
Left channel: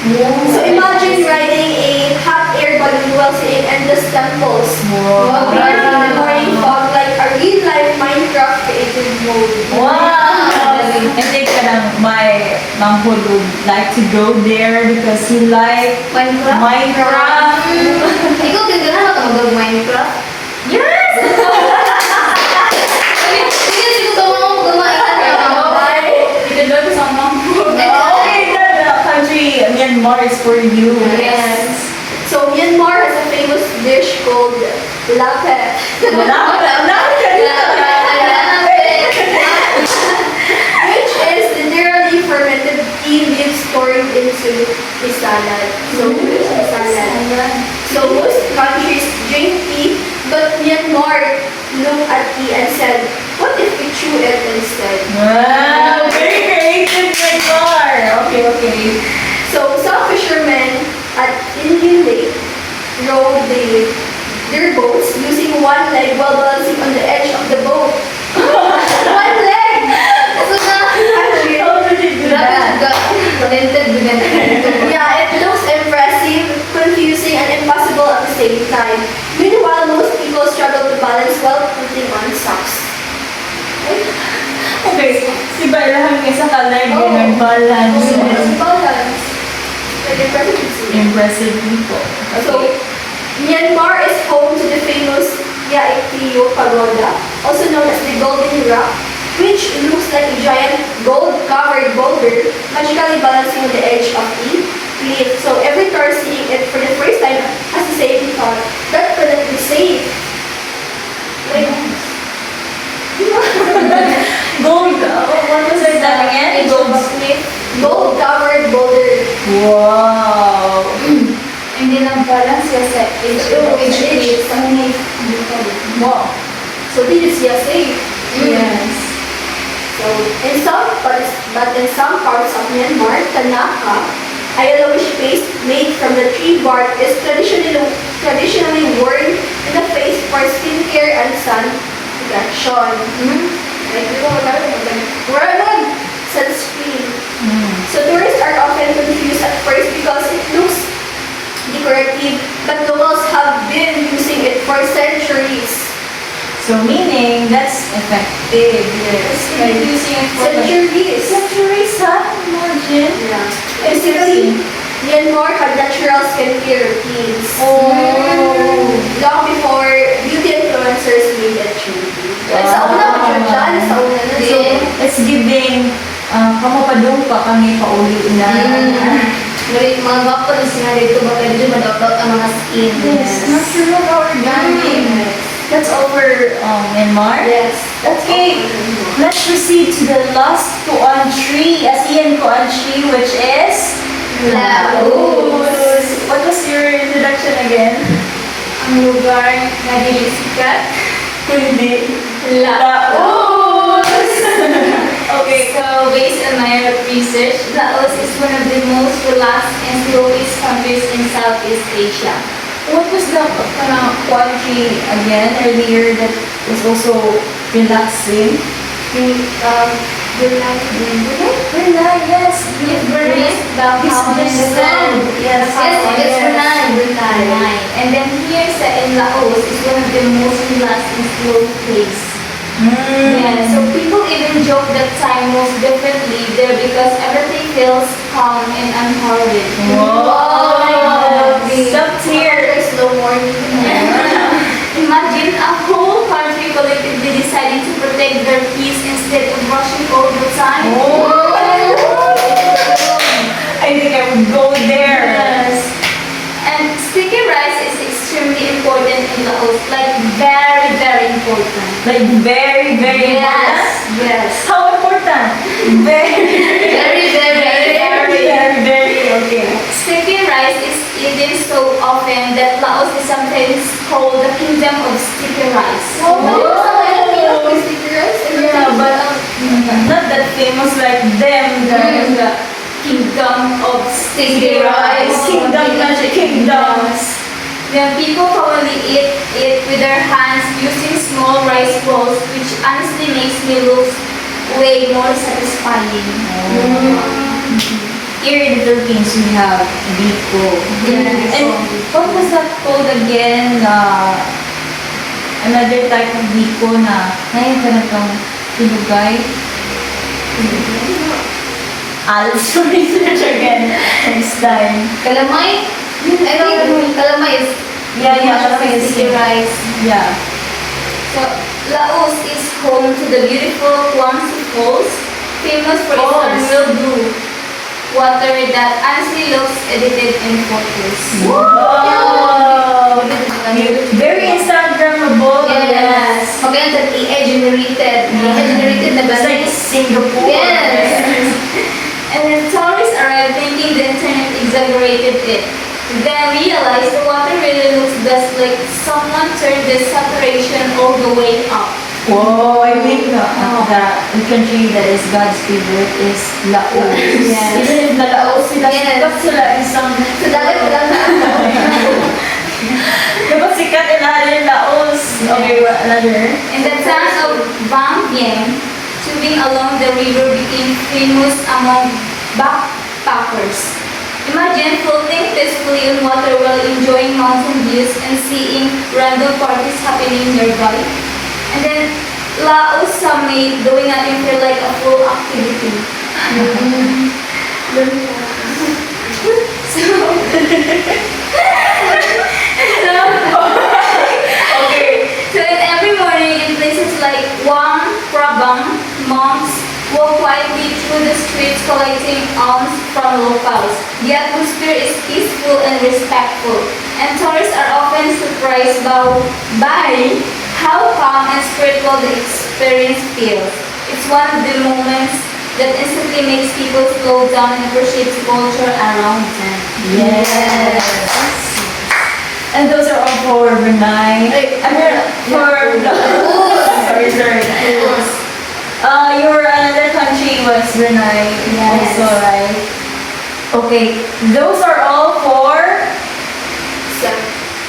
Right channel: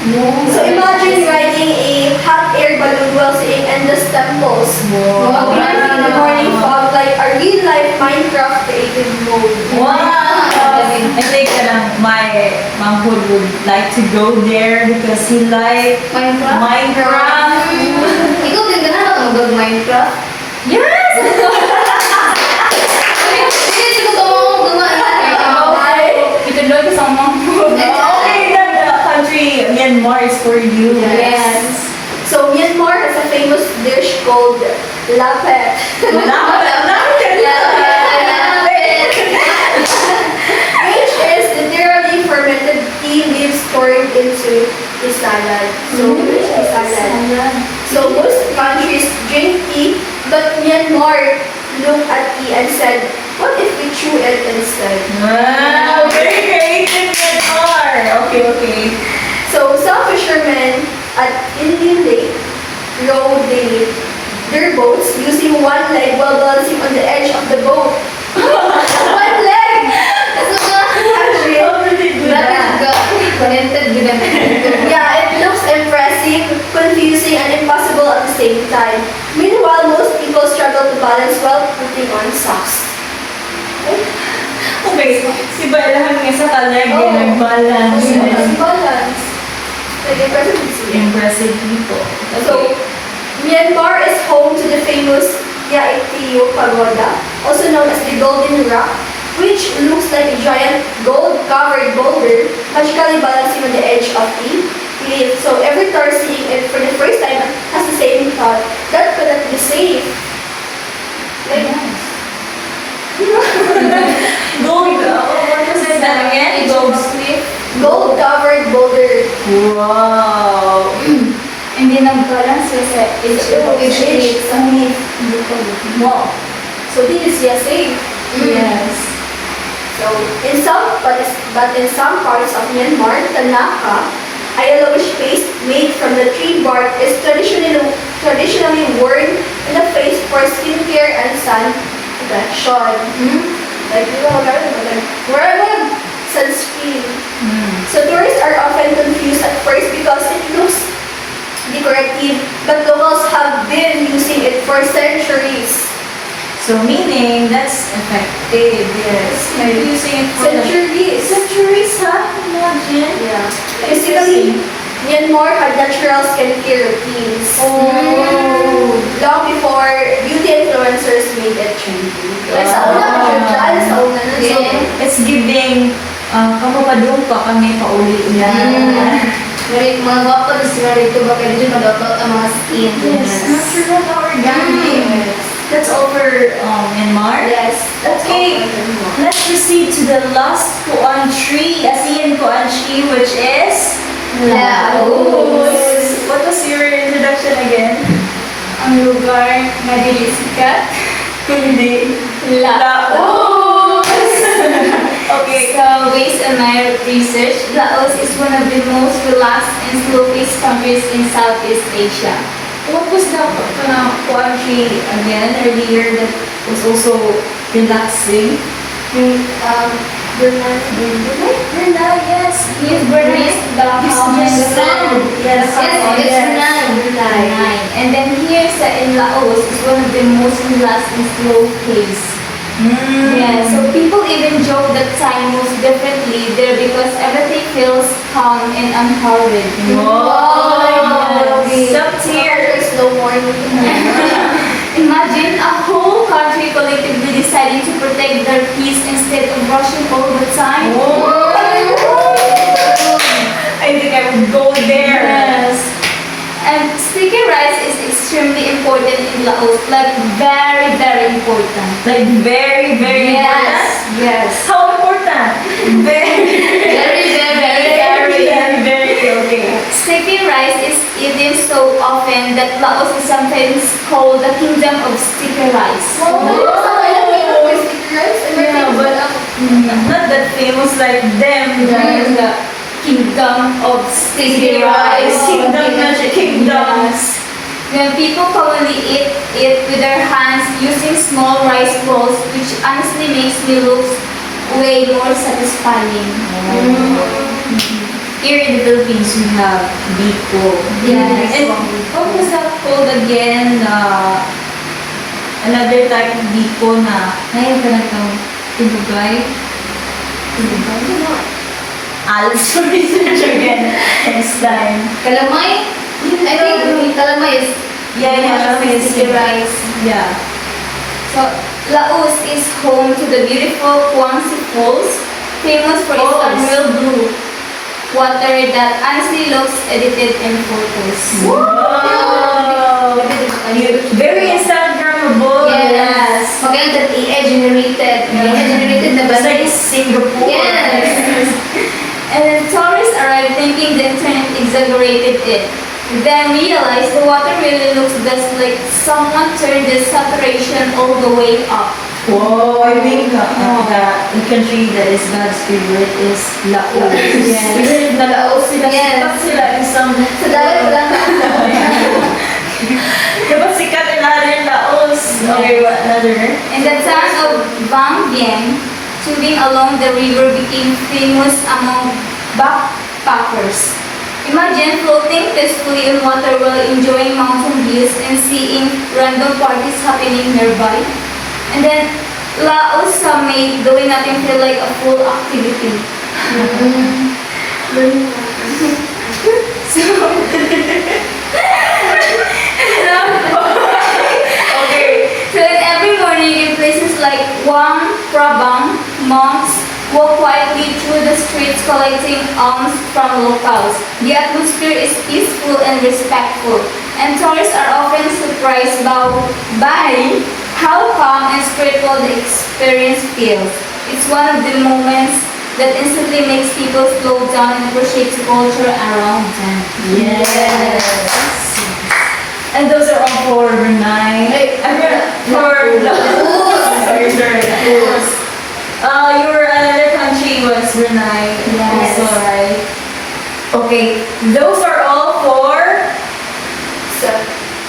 So, imagine riding a hot air balloon while seeing endless temples. Wow. Breathing in the morning fog like a real-life Minecraft creative mode. Wow! I think my mom would like to go there because he like Minecraft? Minecraft. Ikaw din ka na mag-Minecraft? Yes! Sige, gumain ka. Ito sa mom. Okay, the country Myanmar is for you. Yes. So, Myanmar has a famous dish called lapet. Which is literally fermented tea leaves poured into a salad. So most countries drink tea, but Myanmar looked at tea and said, what if we chew it instead? Wow, very creative Myanmar. Okay. So some fishermen at Indian Lake rowed their boats using one leg while balancing on the edge of the boat. One leg! Actually, How did they do that? yeah, it looks impressive, confusing, and impossible at the same time. Meanwhile, most people struggle to balance while putting on socks. Okay, iba ilahan nga sa kaleg, nag-balance. Balance. Like Impressive people. So, Myanmar is home to the famous Yaiktiyo Pagoda, also known as the Golden Rock, which looks like a giant gold-covered boulder magically balancing on the edge of a cliff. So every tourist seeing it for the first time has the same thought, that couldn't be safe. Like, gold-covered boulder. Wow! Hindi nag-balance siya sa H. Wow. So this is USA. Yes. So but in some parts of Myanmar, Tanaka, a yellowish paste made from the tree bark is traditionally worn in the face for skincare and sun protection. Like, we're on sunscreen. So tourists are often confused at first because it looks decorative, but locals have been using it for centuries. So meaning that's effective. Yes. Like using it for centuries, huh? Imagine. Yeah. Basically, Myanmar had natural skincare routines. Oh. Long before beauty influencers made it trendy. Like sa una, dyan, sa una na So it's giving kamupadung pa kami pauli na. Dari mga gwapo na sila dito baka dito madawat ang mga skin. Yes. Natural organic. That's all for Myanmar. Yes. Okay, let's proceed to the last Koan tree, ASEAN Koan tree, which is Laos. What was your introduction again? ang lugar na dilisikat. Hindi. Laos. Okay. So, based on my research, Laos is one of the most relaxed and slow-paced countries in Southeast Asia. What was the Koan tree again earlier that was also relaxing? Yung, Brunei, Yes. Yes, Brunei is the calm and the Yes. Yes, Yes, Brunei. And then here in Laos is one of the most relaxed and slow place. Yeah, so people even joke that time moves differently there because everything feels calm and unhurried. Wow. Stop here. Slow morning. Imagine a whole country collectively deciding to protect their peace instead of rushing all the time. I think I would go there. Yes. And sticky rice is extremely important in Laos, like very, very important. Like very, very important. Yes. How important? Very, very, okay. Sticky rice is eaten so often that Laos is sometimes called the kingdom of sticky rice. Yeah, but not that famous like them. The kingdom of sticky rice. Kingdom, magic kingdoms. Then people commonly eat it with their hands using small rice balls, which honestly makes me look way more satisfying. Here in the Philippines, we have biko. Yes. And what was that called again? Another type of biko na ngayon ka nagkang tinugay. I'll research again next time. Kalamay? I think kalamay is Yeah, is sticky rice. Yeah. So, Laos is home to the beautiful Kuangsi Falls, famous for its Falls. unreal blue water that honestly looks edited in photos. Wow! Very Instagrammable. Yes. Maganda that AI generated. AI generated na ba? It's like Singapore. Yes. And then tourists arrive thinking the internet exaggerated it. Then realize the water really looks just like someone turned the saturation all the way up. Whoa, I think the country that is God's favorite is Laos. Yes. Even if na Laos sila, Yes. sikat sila in some... Dapat sikat in Laos. Okay, what, another? In the town of Vang Vieng, tubing along the river became famous among backpackers. Imagine floating peacefully on water while enjoying mountain views and seeing random parties happening nearby. And then Laos made doing nothing feel like a full activity. So in every morning in places like Luang Prabang, monks walk quietly through the streets collecting alms from locals. The atmosphere is peaceful and respectful, and tourists are often surprised by how calm and spiritual the experience feels. It's one of the moments that instantly makes people slow down and appreciate the culture around them. Yes. And those are all for Brunei. For sorry. Your another country was Brunei. Yes. Also, right? Okay, those are all for.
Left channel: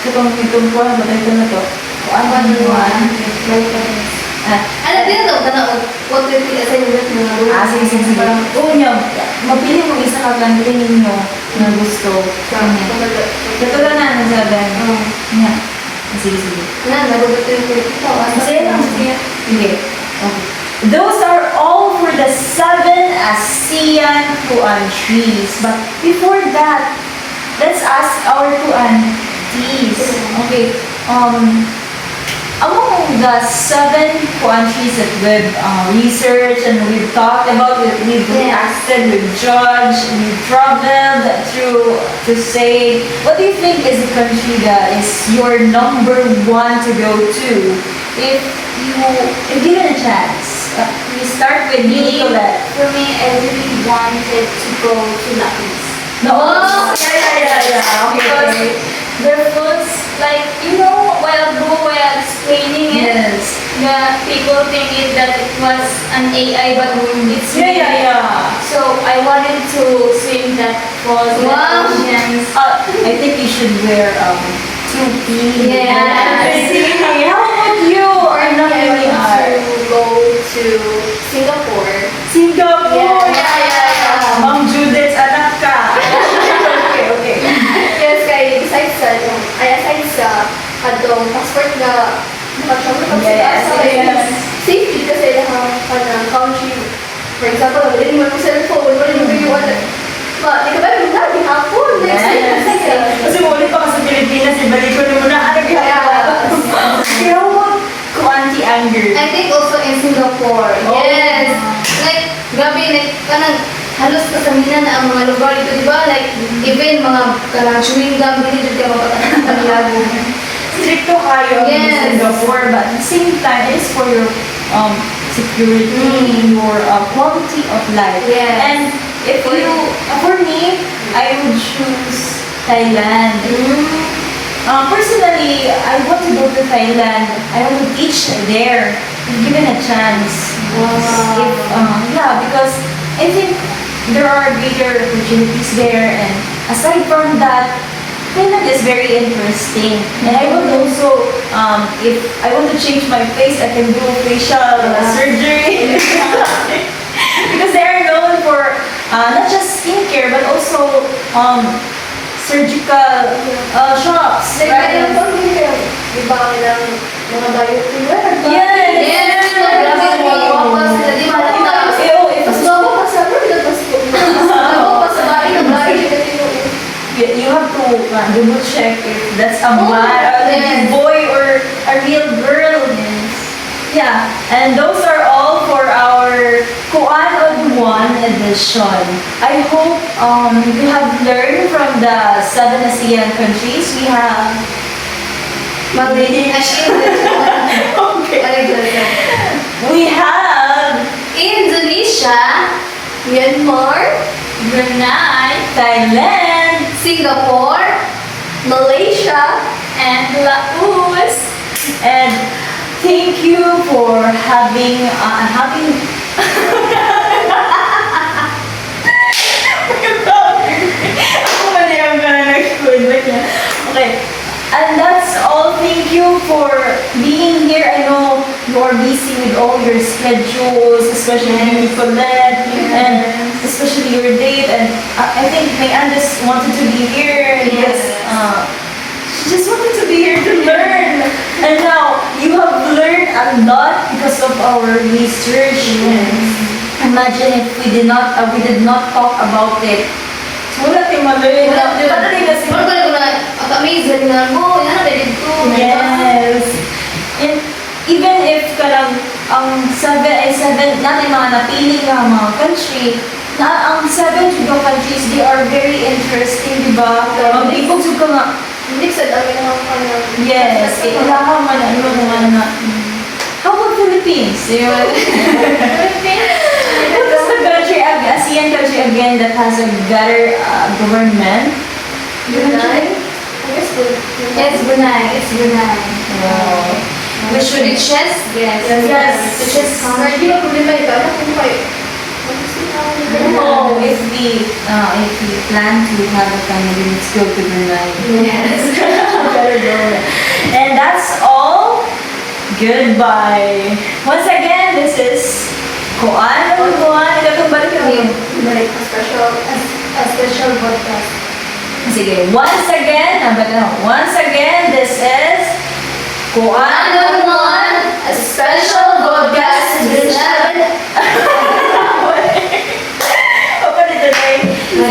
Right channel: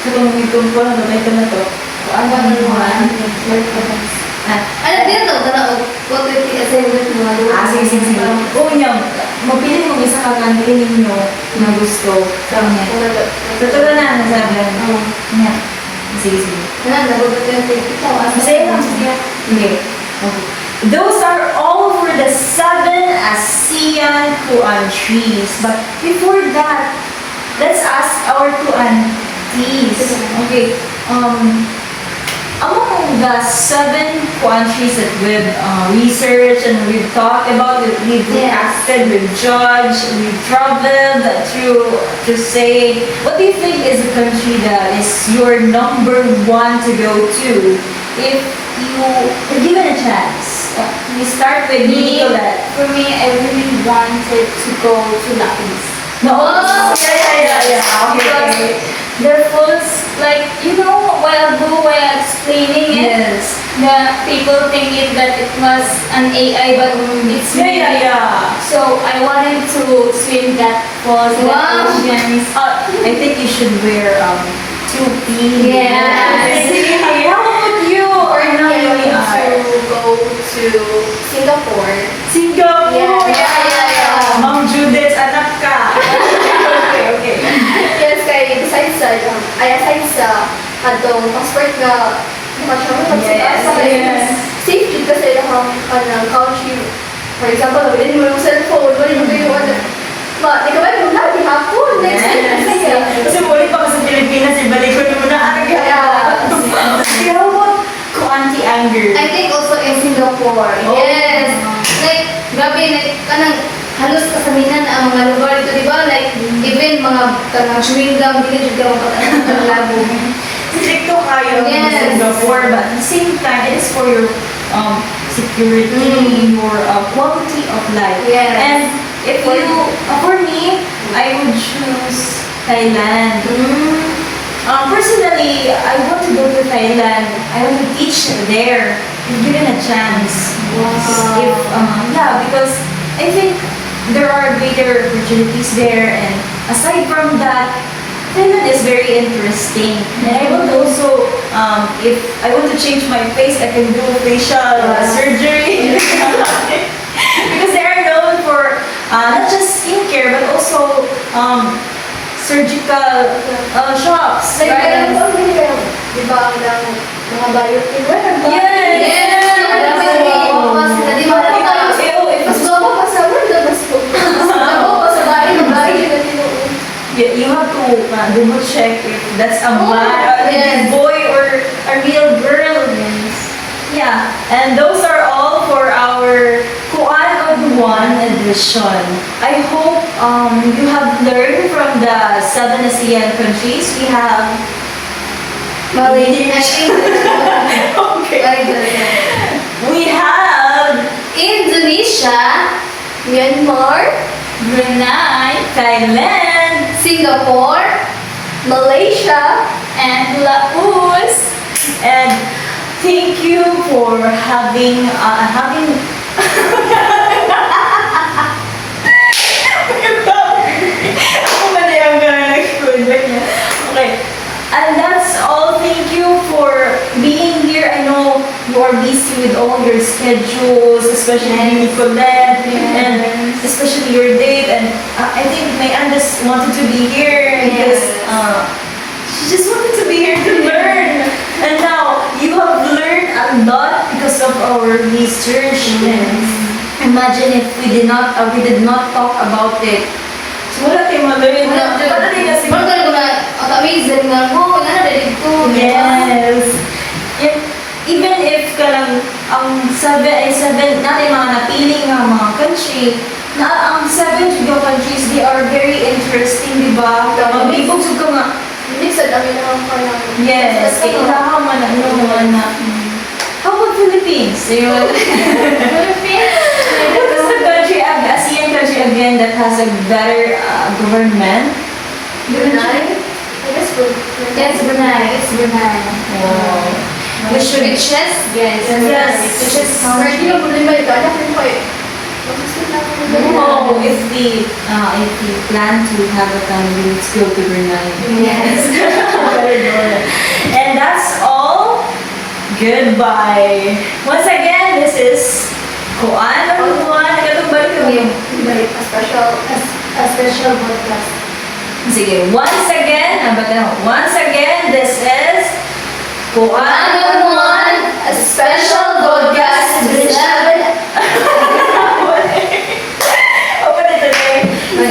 Katong ko, ito na to. Ano din to? Tanong, what will be assignment mo na doon? Sige. Unyo, mapili mong isa ka country ninyo na gusto. Kanya. Totoo na, nasabi. Yeah. Sige. Ano, nagugot yung ito. Masaya lang, masaya. Hindi. Okay. Those are all for the 7 ASEAN countries. But before that, let's ask our countries. Okay. Among the 7 countries that we've researched and we've talked about, we've reacted, we've judged, we've traveled through to say, what do you think is the country that is your number 1 to go to? If given a chance, we start with Nicolette. For me, I really wanted to go to La Paz. No, yeah. Okay. The foods, like, while explaining it, Yes. the people think that it was an AI, but it's me. Yeah. So I wanted to swim that falls, Wow. that oceans. I think you should wear 2P. Yes. How about you? I Ano yung want to go to Singapore. Singapore. Yeah. Ma'am Judith, anak ka. Okay. Yes, kay aside sa adong passport nga nakatravel pag Yes, sa kay yes. safety kasi kanang country. For example, mabilin mo yung cellphone, mabilin mo yung ano. Di ka ba yung lagi hapon? Kasi muli pa ka sa Pilipinas, ibalik ko naman na ano Yeah. How about Auntie Anger? I think also in Singapore. Oh. Yes. Like, grabe, like, kanang halos kasaminan na ang mga lugar dito, di ba? Like, even mga kanang chewing gum, dili jud ka mapatanan ng lago. Stricto kayo in Yes. Singapore, but at the same time, it is for your security, your quality of life. Yes. And if you, for me, I would choose Thailand. Personally, I want to go to Thailand. I want to teach there, if given a chance. Wow. Because I think there are greater opportunities there, and aside from that, Thailand is very interesting. And I want also, if I want to change my face, I can do facial surgery. Because they are known for not just skincare, but also surgical shops. Like, right? di ba, ang mga biotic wear? Yes. Yes. Grabe, wawas sila, di ba? Mas mama pa sa world, mas mama pa sa bahay ng bahay na tinuon. You have to double check if that's a man, yes. a boy, or a real girl. Yeah, and those are all for our Kuan of One edition. I hope you have learned from the 7 ASEAN countries. We have Malaysia. okay. Very good. We have Indonesia, Myanmar, Brunei, Thailand, Singapore, Malaysia, and Laos. and thank you for having Ako ba na yung gano'n nag-food like niya? Okay. And that's all. Thank you for being here. I know you are busy with all your schedules, especially Nicolette, and especially your date. And I think Mayan just wanted to be here because she just wanted to be here to learn. And now you have learned a lot because of our research. Imagine if we did not talk about it. So wala tayong ma-learn. Wala tayong kasi. Bago ko na, amazing na, oh, yan na dito. Yes. And even if kalang ang 7 natin mga napiling nga mga country, na ang 7 juga countries, they are very interesting, di ba? Ang people juga nga, hindi sa dami naman pa ng... yes, kailangan man na, How about Philippines? Philippines? What is the again that has a better government? Brunei? I guess It's Brunei. It's Brunei. Wow. We should Richest? Yes. Yes. Richest Or country. hindi mo problema ito. Ano kung kayo? Oh, if we plan to have a family, let's go to Brunei. Yes. Better go there. And that's all. Goodbye. Once again, this is Kuan on Kuan. Ikatong balik ko. Like a special. A special podcast. Sige, once again, once again, this is Kuan on Kuan. A special podcast edition. Open it today.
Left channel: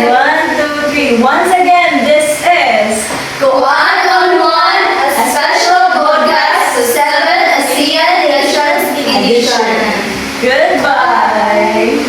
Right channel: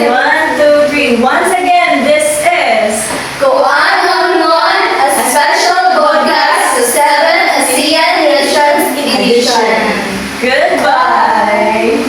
1, 2, 3. Once again, this is Kuan on One, a special podcast to 7 ASEAN Nations Edition. Goodbye.